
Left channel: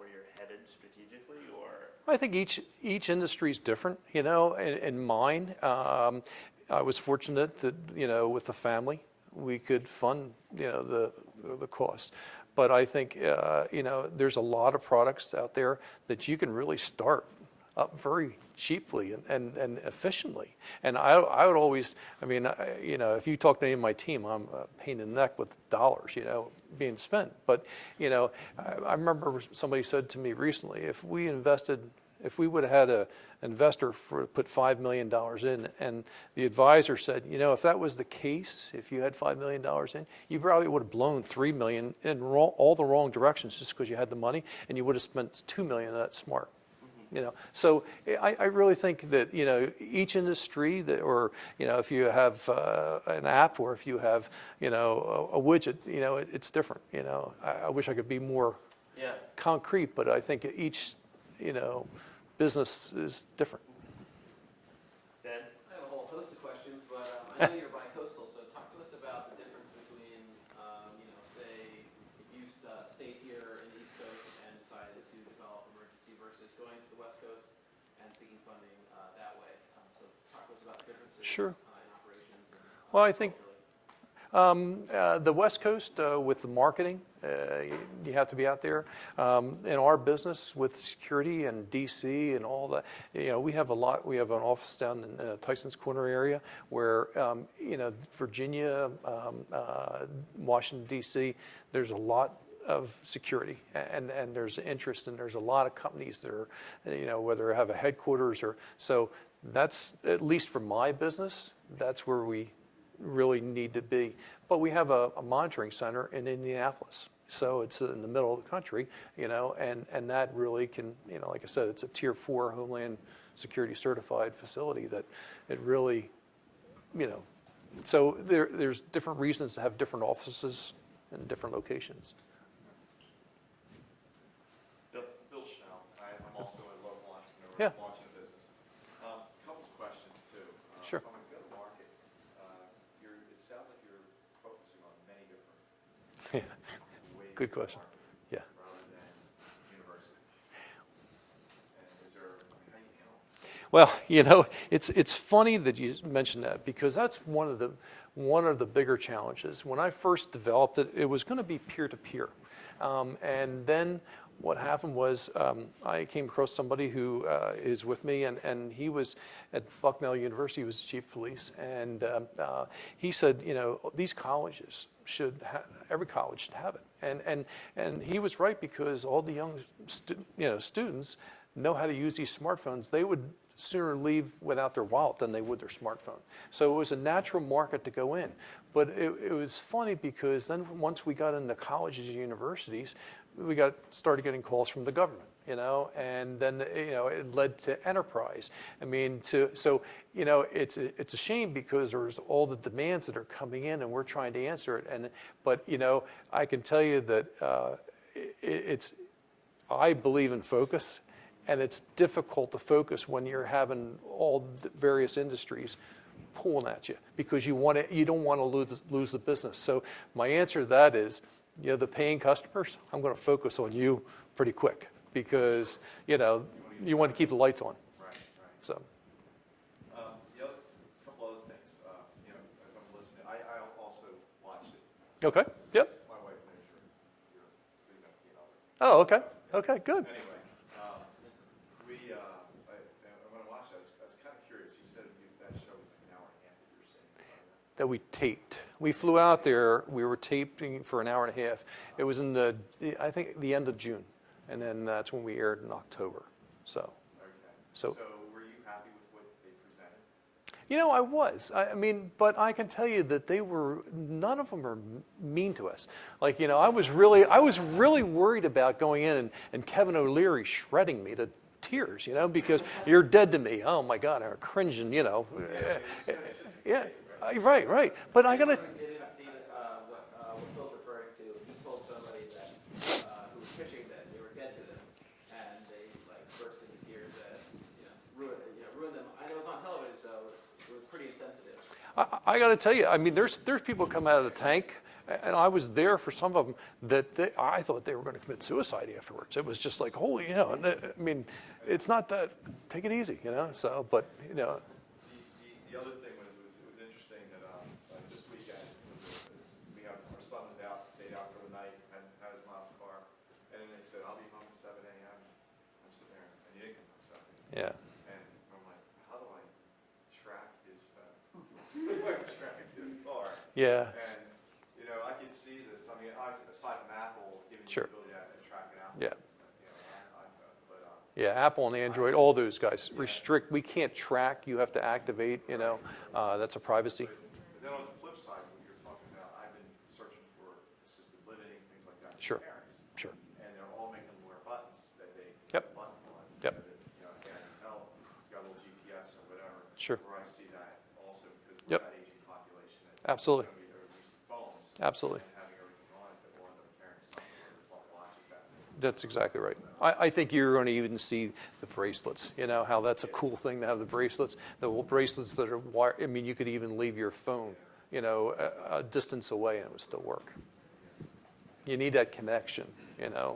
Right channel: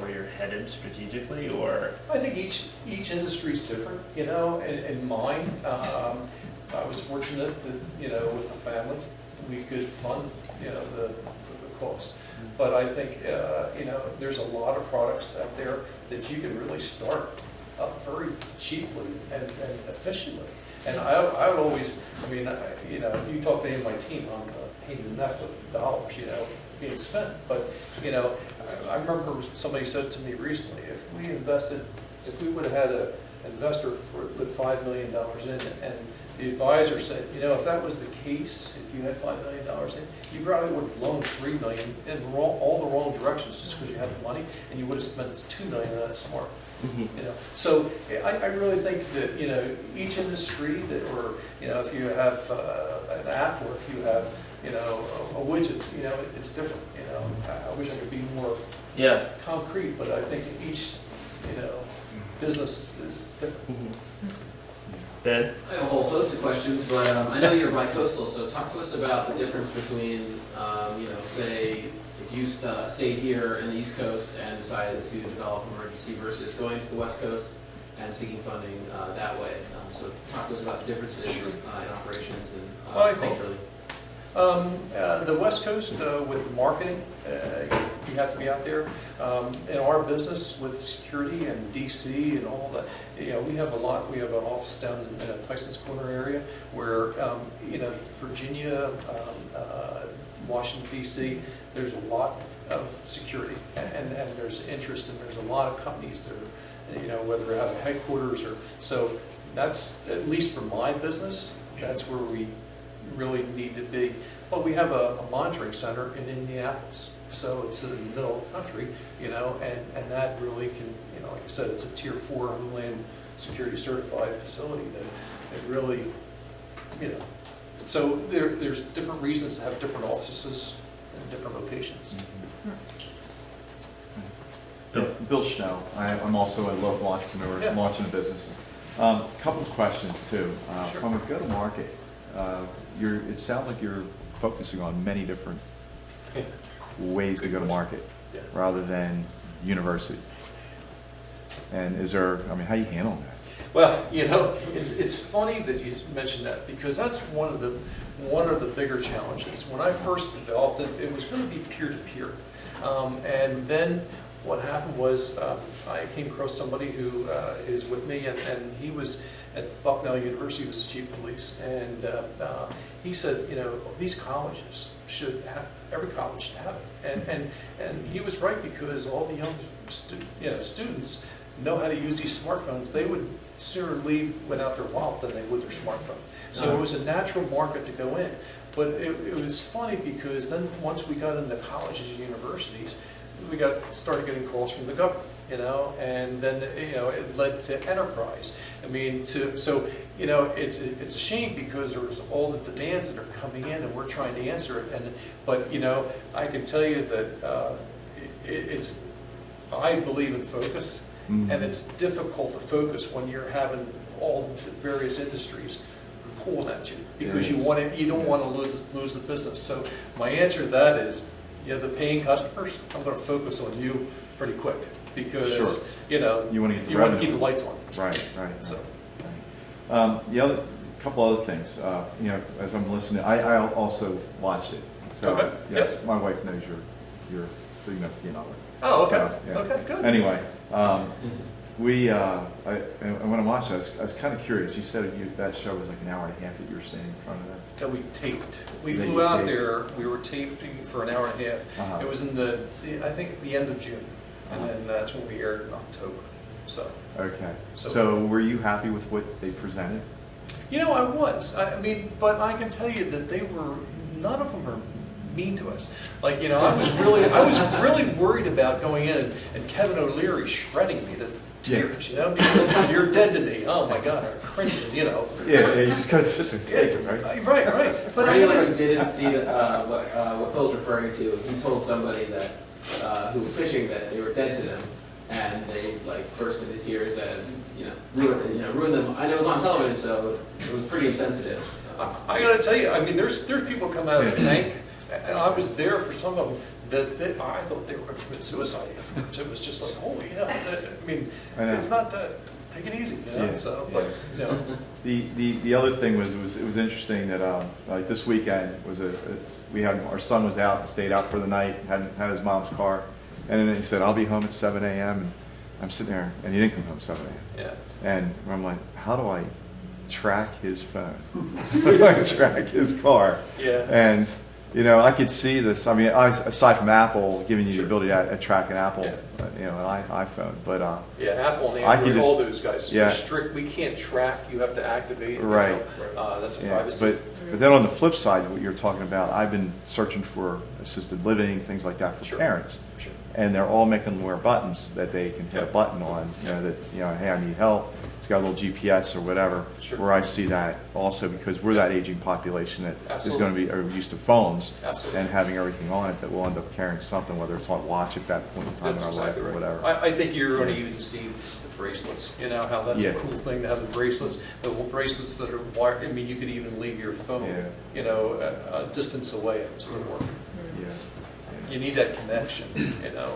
where you're headed strategically, or? I think each industry is different. In mine, I was fortunate that with the family, we could fund the cost. But I think there's a lot of products out there that you can really start up very cheaply and efficiently. And I would always, if you talk to any of my team, I'm a pain in the neck with dollars, being spent. But, I remember somebody said to me recently, if we would have had an investor put $5 million in, and the advisor said, if that was the case, if you had $5 million in, you probably would have loaned $3 million in all the wrong directions just because you had the money, and you would have spent $2 million, and that's smart. Mm-hmm. So I really think that each industry or if you have an app or if you have a widget, it's different. I wish I could be more concrete, but I think that each business is different. Mm-hmm. Ben? I have a whole host of questions, but I know you're bi-coastal, so talk to us about the difference between, say, if you stayed here in the East Coast and decided to develop emergency versus going to the West Coast and seeking funding that way. So talk to us about the differences Sure. in operations and Well, I think- culturally. The West Coast with marketing, you have to be out there. In our business with security and DC and all that, we have a lot. We have an office down in Tyson's Corner area where, Virginia, Washington DC, there's a lot of security and there's interest and there's a lot of companies that are, whether they have a headquarters or, so that's, at least for my business, that's where we really need to be. But we have a monitoring center in Indianapolis, so it's in the middle of the country, and that really can, like I said, it's a Tier 4 Homeland Security certified facility that really, so there's different reasons to have different offices in different locations. Bill Schnell. I'm also a local entrepreneur Yeah. launching a business. Couple of questions too. Sure. From a go-to-market, it sounds like you're focusing on many different ways to go to market Yeah. rather than university. And how you handling that? Well, it's funny that you mentioned that because that's one of the bigger challenges. When I first developed it, it was going to be peer-to-peer. And then what happened was I came across somebody who is with me, and he was at Bucknell University, he was chief of police, and he said, these colleges should have, every college should have it. And he was right, because all the young students know how to use these smartphones. They would sooner leave without their wallet than they would their smartphone. So it was a natural market to go in. But it was funny because then once we got into colleges and universities, we started getting calls from the government, and then it led to enterprise. It's a shame because there's all the demands that are coming in, and we're trying to answer it. But I can tell you that I believe in focus, Mm-hmm. and it's difficult to focus when you're having all the various industries pulling at you because you don't want to lose the business. So my answer to that is, the paying customers, I'm going to focus on you pretty quick because Sure. You want to get the you want to revenue. keep the lights on. Right. So The other couple other things. You know, as I'm listening, I also watched it. So, Okay. yes, my wife knows your significant other. Oh, okay. So, yeah. Okay, good. Anyway, and when I watched it, I was kind of curious. You said that show was like an hour and a half that you were sitting in front of that. That we taped. We That flew you out taped. there, we were taping for an hour and a half. Uh-huh. It was in I think the end of June, and then that's when we aired in October, so. Okay. So- So were you happy with what they presented? You know, I was. I mean, but I can tell you that none of them are mean to us. Like, you know, I was really worried about going in and Kevin O'Leary shredding me to tears, you know, because you're dead to me. Oh my God, I'm cringing, you know. Yeah, you just gotta sit there and take it, right? Right. But For I anyone who didn't see what Phil's referring to, he told somebody that who was pitching that they were dead to them, and they like burst into tears and ruined them. And it was on television, so it was pretty insensitive. I got to tell you, I mean, there's people come out of the tank, and I was there for some of them that I thought they were going to commit suicide afterwards. It was just like, holy, you know, I mean, I know. it's not that. Take it easy, you know. Yeah. So, but you know. The other thing was it was interesting that like this weekend was our son was out and stayed out for the night, had his mom's car, and then he said, I'll be home at 7 a.m. and I'm sitting there, and he didn't come home at 7 a.m. Yeah. And I'm like, how do I track his phone? How do I track his car? Yeah. And you know, I could see this. I mean, aside from Apple giving you Sure. the ability to track an Apple, Yeah. An iPhone, but Yeah, Apple and I could Android, all just- those guys. yeah. Strict. We can't track. You have to activate. You Right. know, that's a yeah, privacy. but then on the flip side, what you're talking about, I've been searching for assisted living, things like that for Sure. parents, Sure. and they're all making them wear buttons that they can hit a Yep. button on. You know that hey, I need help. It's got a little GPS or whatever. Sure. Where I see that also because we're that aging population that Absolutely. is going to be used to phones Absolutely. and having everything on it that will end up carrying something, whether it's on watch at that point in time That's in our life exactly or right. whatever. I think you're going to even see the bracelets. You know how that's Yeah. a cool thing to have the bracelets. The bracelets that are wired. I mean, you could even leave your phone, Yeah. you know, a distance away. It would still work. Yeah. You need that connection, you know.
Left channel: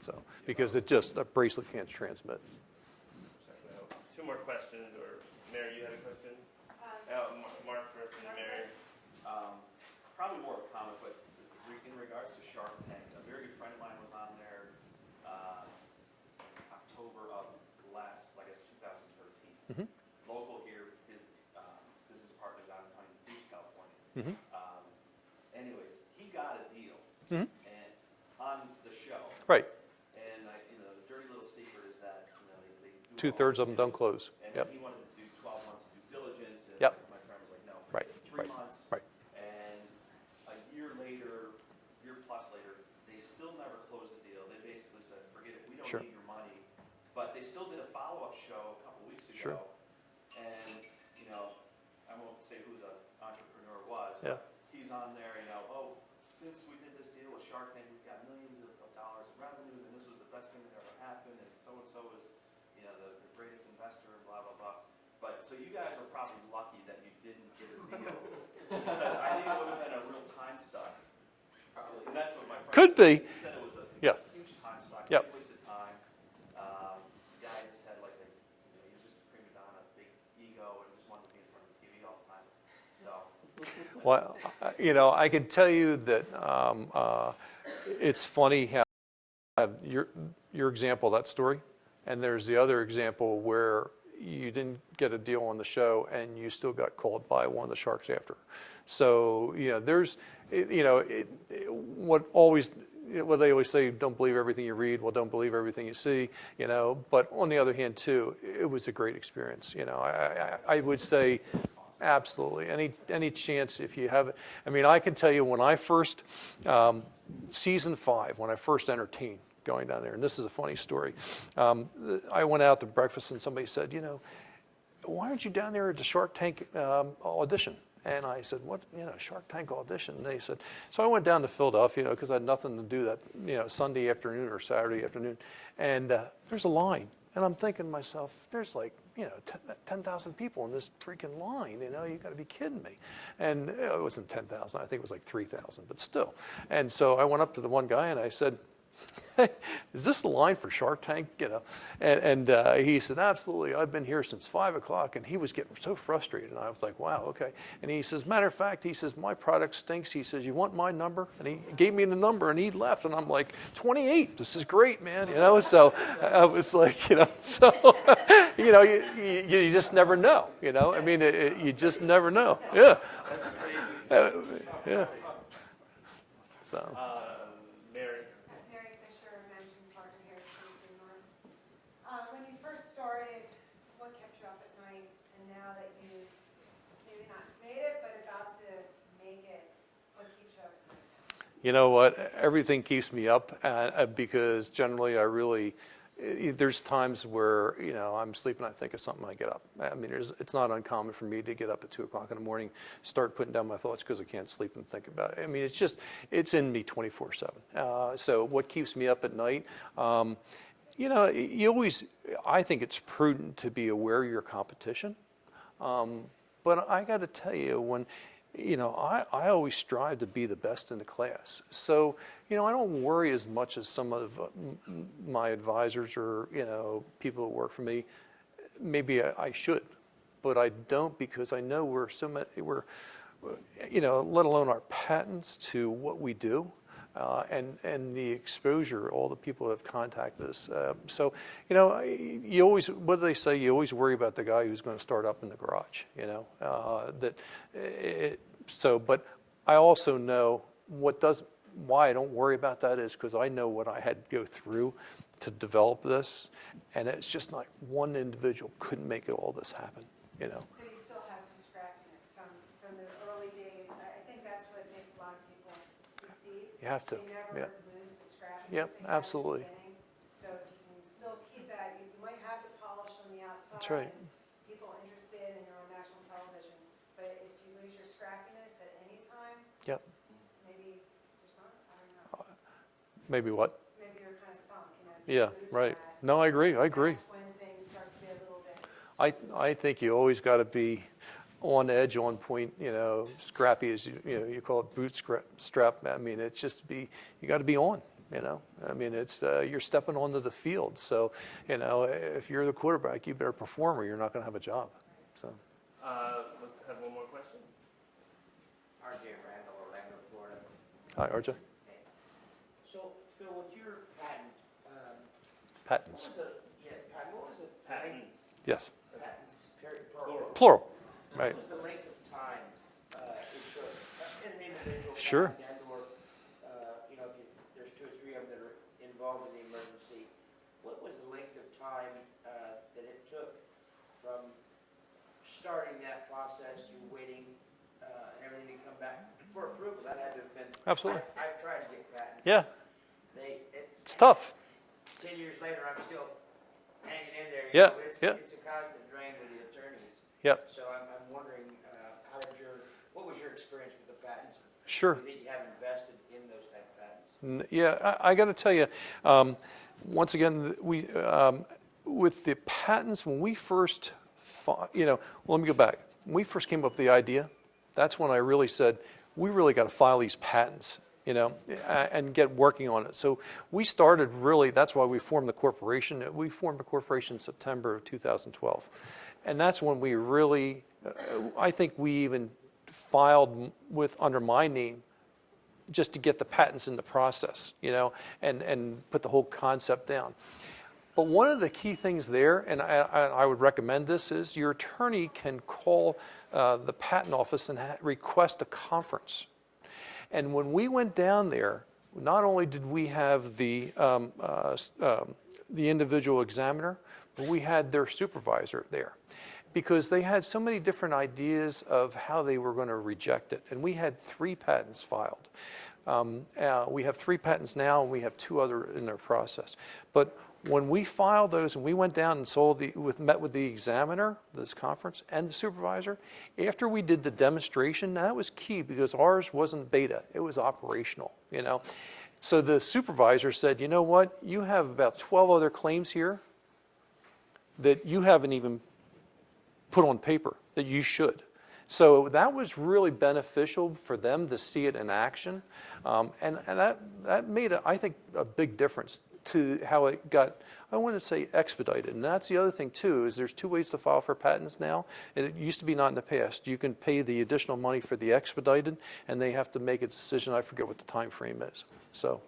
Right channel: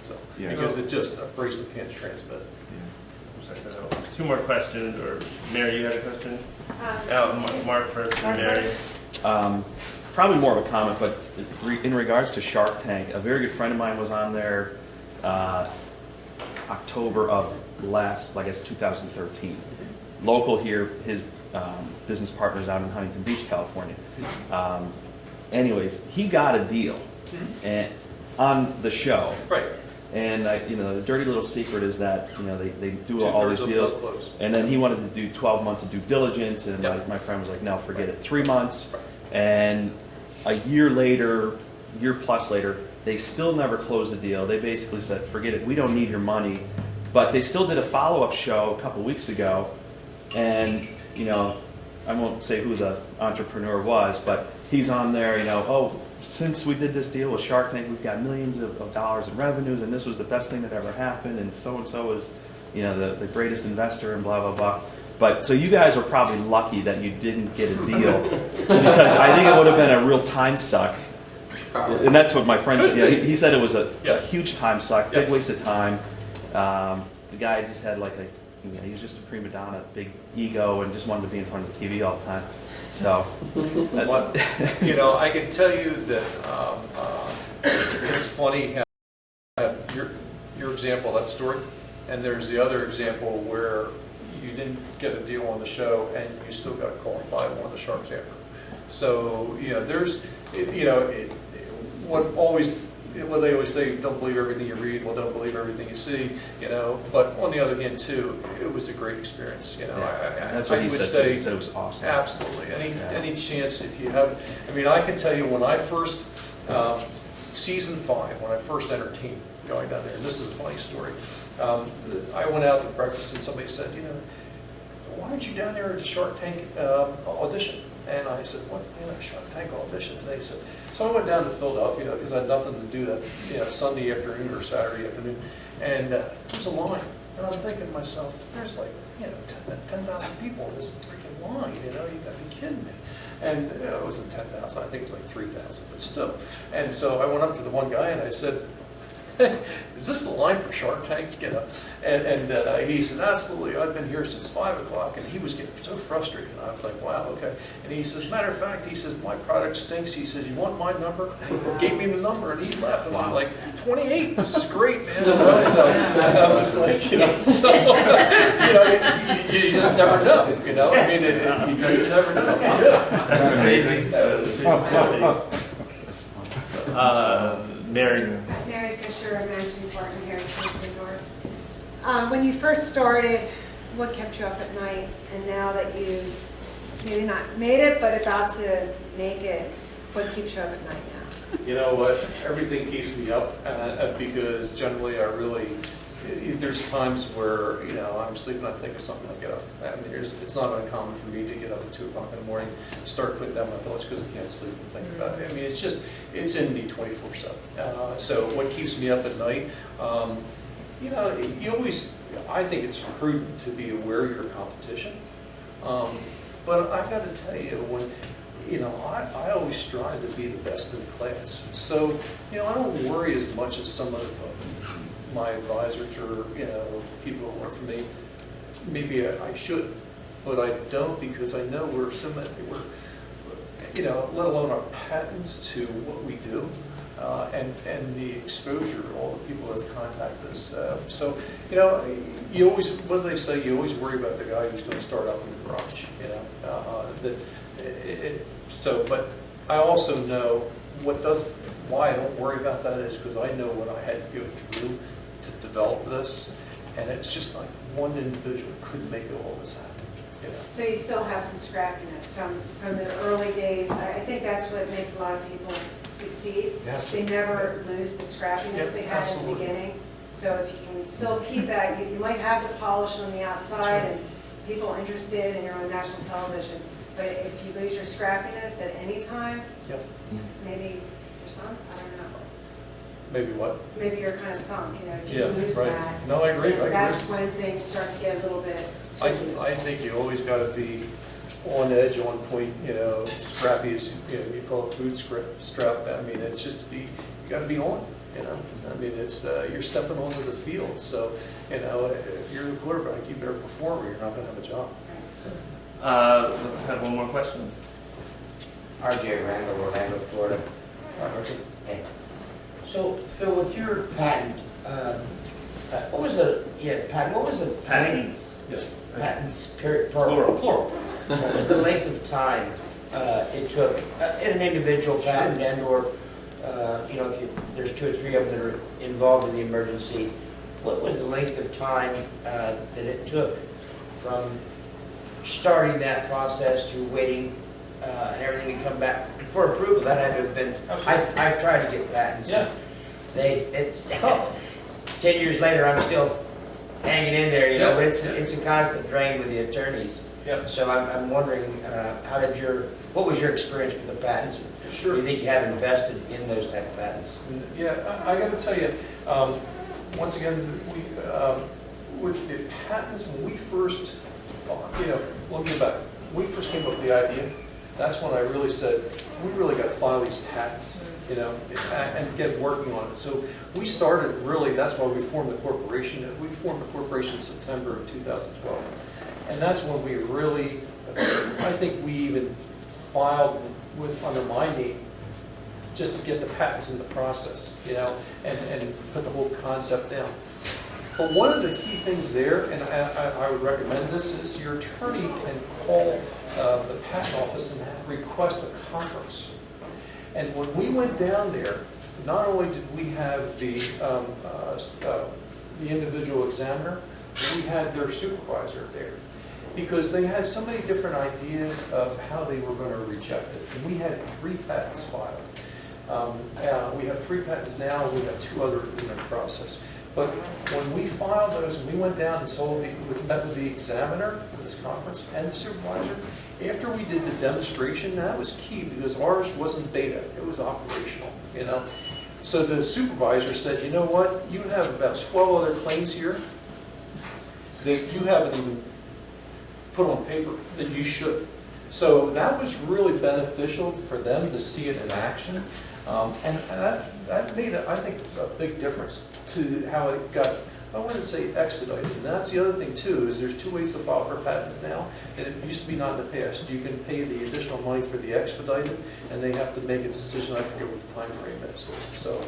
So Yeah. because a bracelet can't transmit it. Two more questions, or Mary, you had a question? Mark first, and Mary. Probably more of a comment, but in regards to Shark Tank, a very good friend of mine was on there October of I guess 2013. Local here, his business partner's out in Huntington Beach, California. Anyways, he got a deal and on the show. Right. And the dirty little secret is that they do all Two-thirds these of deals, those close. and then he wanted to do 12 months of due diligence, and Yep. my friend was like, "No, forget Right. it. 3 months." Right. And a year plus later, they still never closed the deal. They basically said, "Forget it. We don't need your money." But they still did a follow-up show a couple weeks ago, and I won't say who the entrepreneur was, but he's on there. Since we did this deal with Shark Tank, we've got millions of dollars in revenues, and this was the best thing that ever happened, and so is, the greatest investor, and blah blah blah. But so you guys were probably lucky that you didn't get a deal, because I think it would have been a real time suck. And that's what my friend Could said. be. He said it was a Yeah. huge time suck, Yeah. big waste of time. The guy just had he was just a prima donna, big ego, and just wanted to be in front of the TV all the time. So, What, I can tell you that it's funny how your example of that story, and there's the other example where you didn't get a deal on the show and you still got called by one of the sharks after. So there's what they always say, don't believe everything you read, well, don't believe everything you see, but on the other hand too, it was a great experience, that's I what he would said. say He said it was awesome. absolutely. Any chance if you have, I can tell you when I first, season 5, when I first entertained going down there, this is a funny story. I went out to breakfast and somebody said, why aren't you down there at the Shark Tank audition? And I said, what, Shark Tank audition? And they said, so I went down to Philadelphia because I had nothing to do that Sunday afternoon or Saturday afternoon, and there's a line. And I'm thinking to myself, there's 10,000 people in this freaking line, you got to be kidding me. And it wasn't 10,000, I think it was like 3,000, but still. And so I went up to the one guy and I said, is this the line for Shark Tank? You know, and he said, absolutely. I've been here since 5 o'clock, and he was getting so frustrated. And I was like, wow, okay. And he says, matter of fact, he says, my product stinks. He says, you want my number? And he gave me the number, and he left. And I'm like, 28. This is great, man. You know, so I was like, you know, so you know, you just never know. You know, I mean, you just never know. Yeah. That's amazing. Mary. Mary Fisher, a managing partner here at Entrepreneurial. When you first started, what kept you up at night? And now that you've maybe not made it, but about to make it, what keeps you up at night now? You know what? Everything keeps me up because generally I really, there's times where, you know, I'm sleeping, I think of something, I get up. I mean, it's not uncommon for me to get up at 2 o'clock in the morning, start putting down my thoughts because I can't sleep and think about it. I mean, it's in me 24/7. So what keeps me up at night? You know, I think it's prudent to be aware of your competition. But I got to tell you, you know, I always strive to be the best in the class. So, you know, I don't worry as much as some of my advisors or, you know, people who work for me. Maybe I should, but I don't because I know we're, you know, let alone our patents to what we do. And the exposure, all the people that have contacted us. So, you know, you always, what do they say? You always worry about the guy who's going to start up in the garage, you know. But I also know why I don't worry about that is because I know what I had to go through to develop this. And it's just like one individual couldn't make all this happen, you know. So you still have some scrappiness from the early days. I think that's what makes a lot of people succeed. Yes. They never lose the scrappiness they had at the beginning. So if you can still keep that, you might have the polish on the outside and people interested and you're on national television. But if you lose your scrappiness at any time, maybe your son, I don't know. Maybe what? Maybe you're kind of sunk, you know, if you lose right. that. No, I agree. That's when things start to get a little bit too loose. I think you always got to be on edge, on point, you know, scrappy as you call it bootstrap. I mean, it's just you got to be on, you know. I mean, it's you're stepping onto the field, so you know if you're the quarterback, you better perform or you're not going to have a job. Let's have one more question. RJ Randall, Orlando, Florida. Hi, RJ. Hey. So, Phil, with your patent, what was the Patents. Yes. patents, Plural. Plural. What was the length of time it took in an individual patent and/or, you know, if there's 2 or 3 of them that are involved in the emergency, what was the length of time that it took from starting that process to waiting and everything to come back for approval? That had to have been. I've tried to get patents. Yeah. It's tough. 10 years later, I'm still hanging in there, you know, but it's yeah. a constant drain with the attorneys. Yep. So I'm wondering, what was your experience with the patents? Sure. Do you think you have invested in those type of patents? Yeah, I got to tell you, once again, with the patents, when we first, you know, let me go back. When we first came up with the idea, that's when I really said, we really got to file these patents, you know, and get working on it. So we started really, that's why we formed the corporation. We formed the corporation in September of 2012. And that's when we really, I think we even filed under my name just to get the patents in the process, you know, and put the whole concept down. But one of the key things there, and I would recommend this, is your attorney can call the patent office and request a conference. And when we went down there, not only did we have the individual examiner, we had their supervisor there. Because they had so many different ideas of how they were going to reject it. And we had 3 patents filed. We have 3 patents now, and we have 2 other in the process. But when we filed those, and we went down and met with the examiner, this conference, and the supervisor, after we did the demonstration, that was key because ours wasn't beta, it was operational, you know. So the supervisor said, you know what, you have about 12 other claims here that you haven't even put on paper that you should. So that was really beneficial for them to see it in action. And that made, I think, a big difference to how it got, I wouldn't say expedited. And that's the other thing too, is there's 2 ways to file for patents now. It used to be not in the past. You can pay the additional money for the expedited, and they have to make a decision. I forget what the time frame is. So,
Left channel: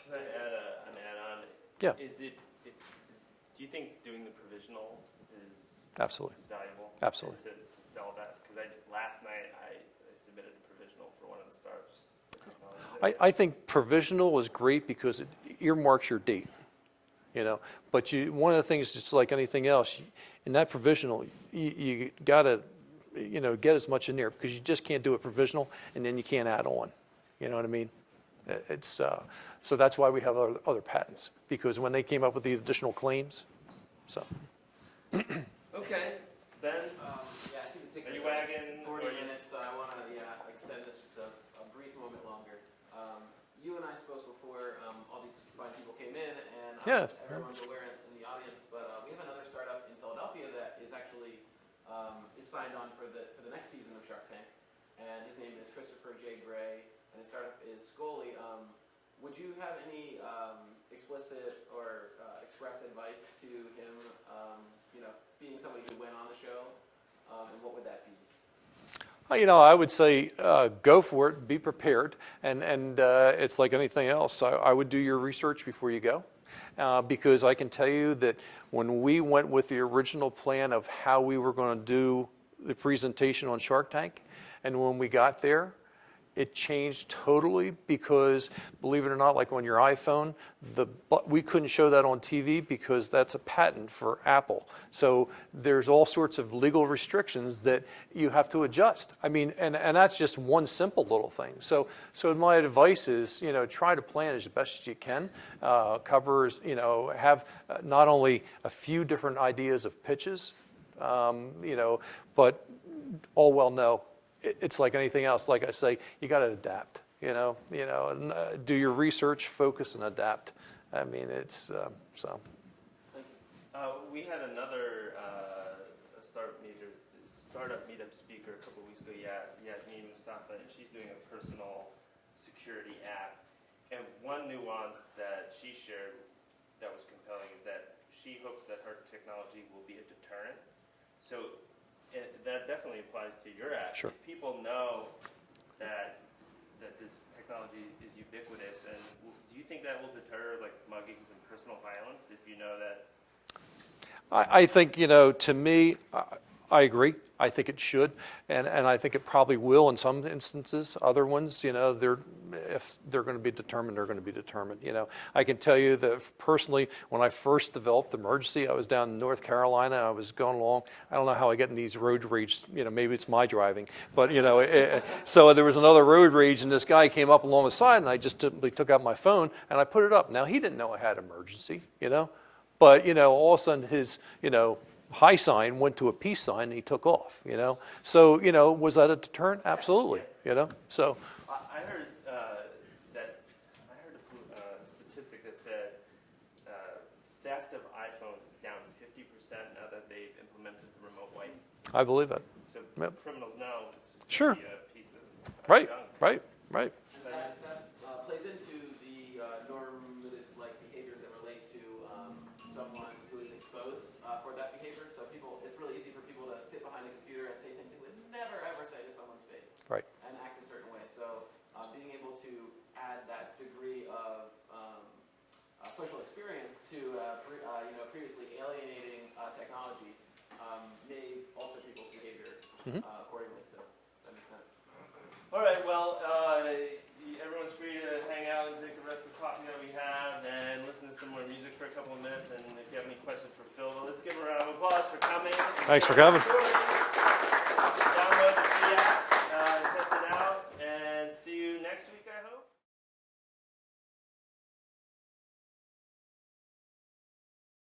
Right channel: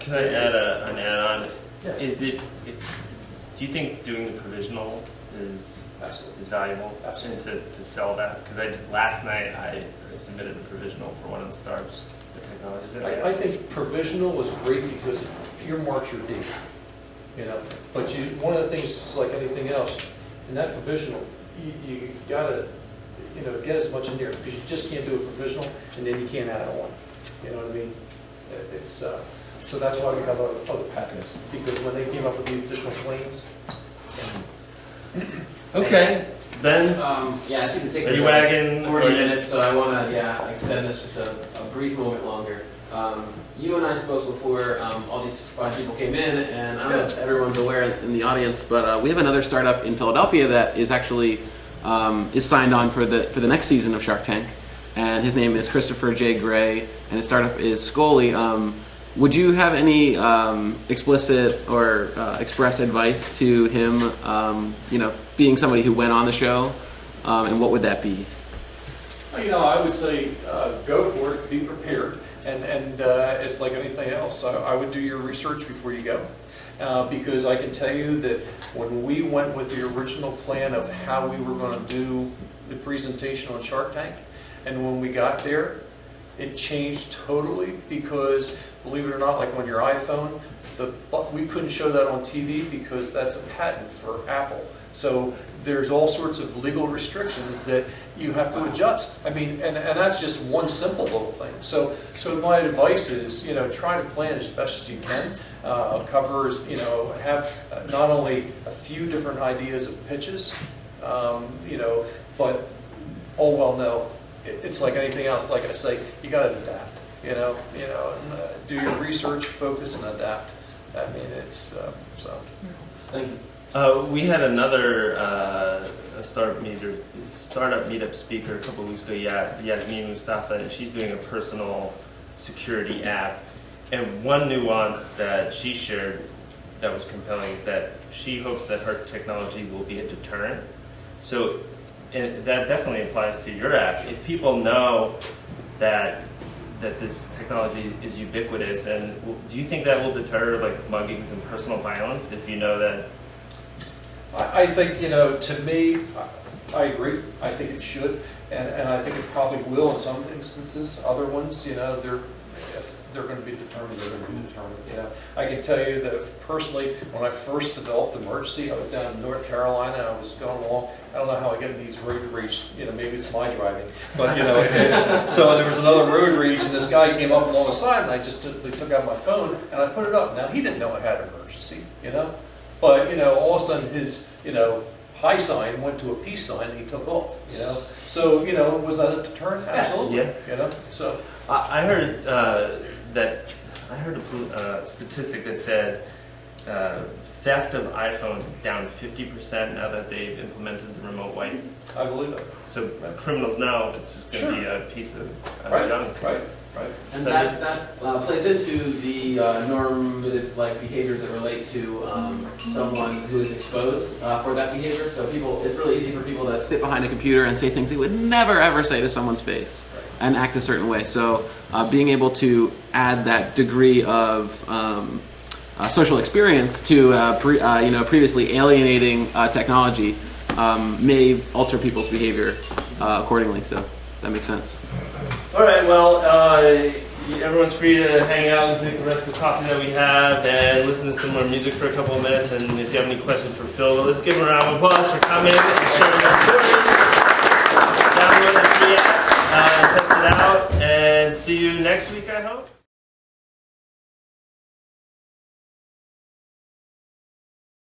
can I add an add-on? yeah, Do you think doing the provisional is absolutely. valuable? Absolutely. And to sell that? Because last night I submitted a provisional for one of the startups, the technologies. I think provisional is great because it earmarks your date, you know. But one of the things, just like anything else, in that provisional, you gotta, you know, get as much in there because you just can't do a provisional and then you can't add on. You know what I mean? It's so that's why we have other patents, because when they came up with the additional claims. So. Okay, Ben. Yeah, I see the Are takers you are like wagging 40 or- minutes, so I want to extend this just a brief moment longer. You and I spoke before all these fine people came in, and I don't know if everyone's aware in the audience, but we have another startup in Philadelphia that is actually is signed on for the next season of Shark Tank, and his name is Christopher J. Gray, and his startup is Scully. Would you have any explicit or express advice to him, you know, being somebody who went on the show, and what would that be? You know, I would say go for it, be prepared, and it's like anything else. I would do your research before you go, because I can tell you that when we went with the original plan of how we were going to do the presentation on Shark Tank, and when we got there, it changed totally because, believe it or not, like on your iPhone, we couldn't show that on TV because that's a patent for Apple. So there's all sorts of legal restrictions that you have to adjust. I mean, and that's just one simple little thing. So my advice is, you know, try to plan as best as you can. Covers, you know, have not only a few different ideas of pitches, you know, but all well know. It's like anything else. Like I say, you got to adapt. You know, and do your research, focus, and adapt. I mean, it's so. Thank you. We had another a startup meetup speaker a couple of weeks ago, Yasmin Mustafa, and she's doing a personal security app. And one nuance that she shared that was compelling is that she hopes that her technology will be a deterrent. So and that definitely applies to your app. If people know that this technology is ubiquitous, and do you think that will deter like muggings and personal violence if you know that? I think, you know, to me, I agree. I think it should, and I think it probably will in some instances. Other ones, you know, if they're going to be determined, they're going to be determined. You know, I can tell you that personally, when I first developed Emergency, I was down in North Carolina. I was going along. I don't know how I get in these road rage. You know, maybe it's my driving, but you know. So there was another road rage, and this guy came up along the side, and I just took out my phone and I put it up. Now he didn't know I had an emergency, you know, but you know, all of a sudden his, you know, high sign went to a peace sign, and he took off. You know, so you know, was that a deterrent? Absolutely. Yeah. You know, so. I heard a statistic that said theft of iPhones is down 50% now that they've implemented the remote wipe. I believe it. So criminals know it's just going to be a piece of junk. Right. And So that plays into the normative like behaviors that relate to someone who is exposed for that behavior. So it's really easy for people to sit behind a computer and say things they would never ever say to someone's face, Right. and act a certain way. So being able to add that degree of social experience to previously alienating technology may alter people's behavior accordingly. So that makes sense. All right, well, everyone's free to hang out and drink the rest of the coffee that we have and listen to some more music for a couple of minutes. And if you have any questions for Phil, let's give him a round of applause for coming and sharing our story. Download the free app, test it out, and see you next week, I hope.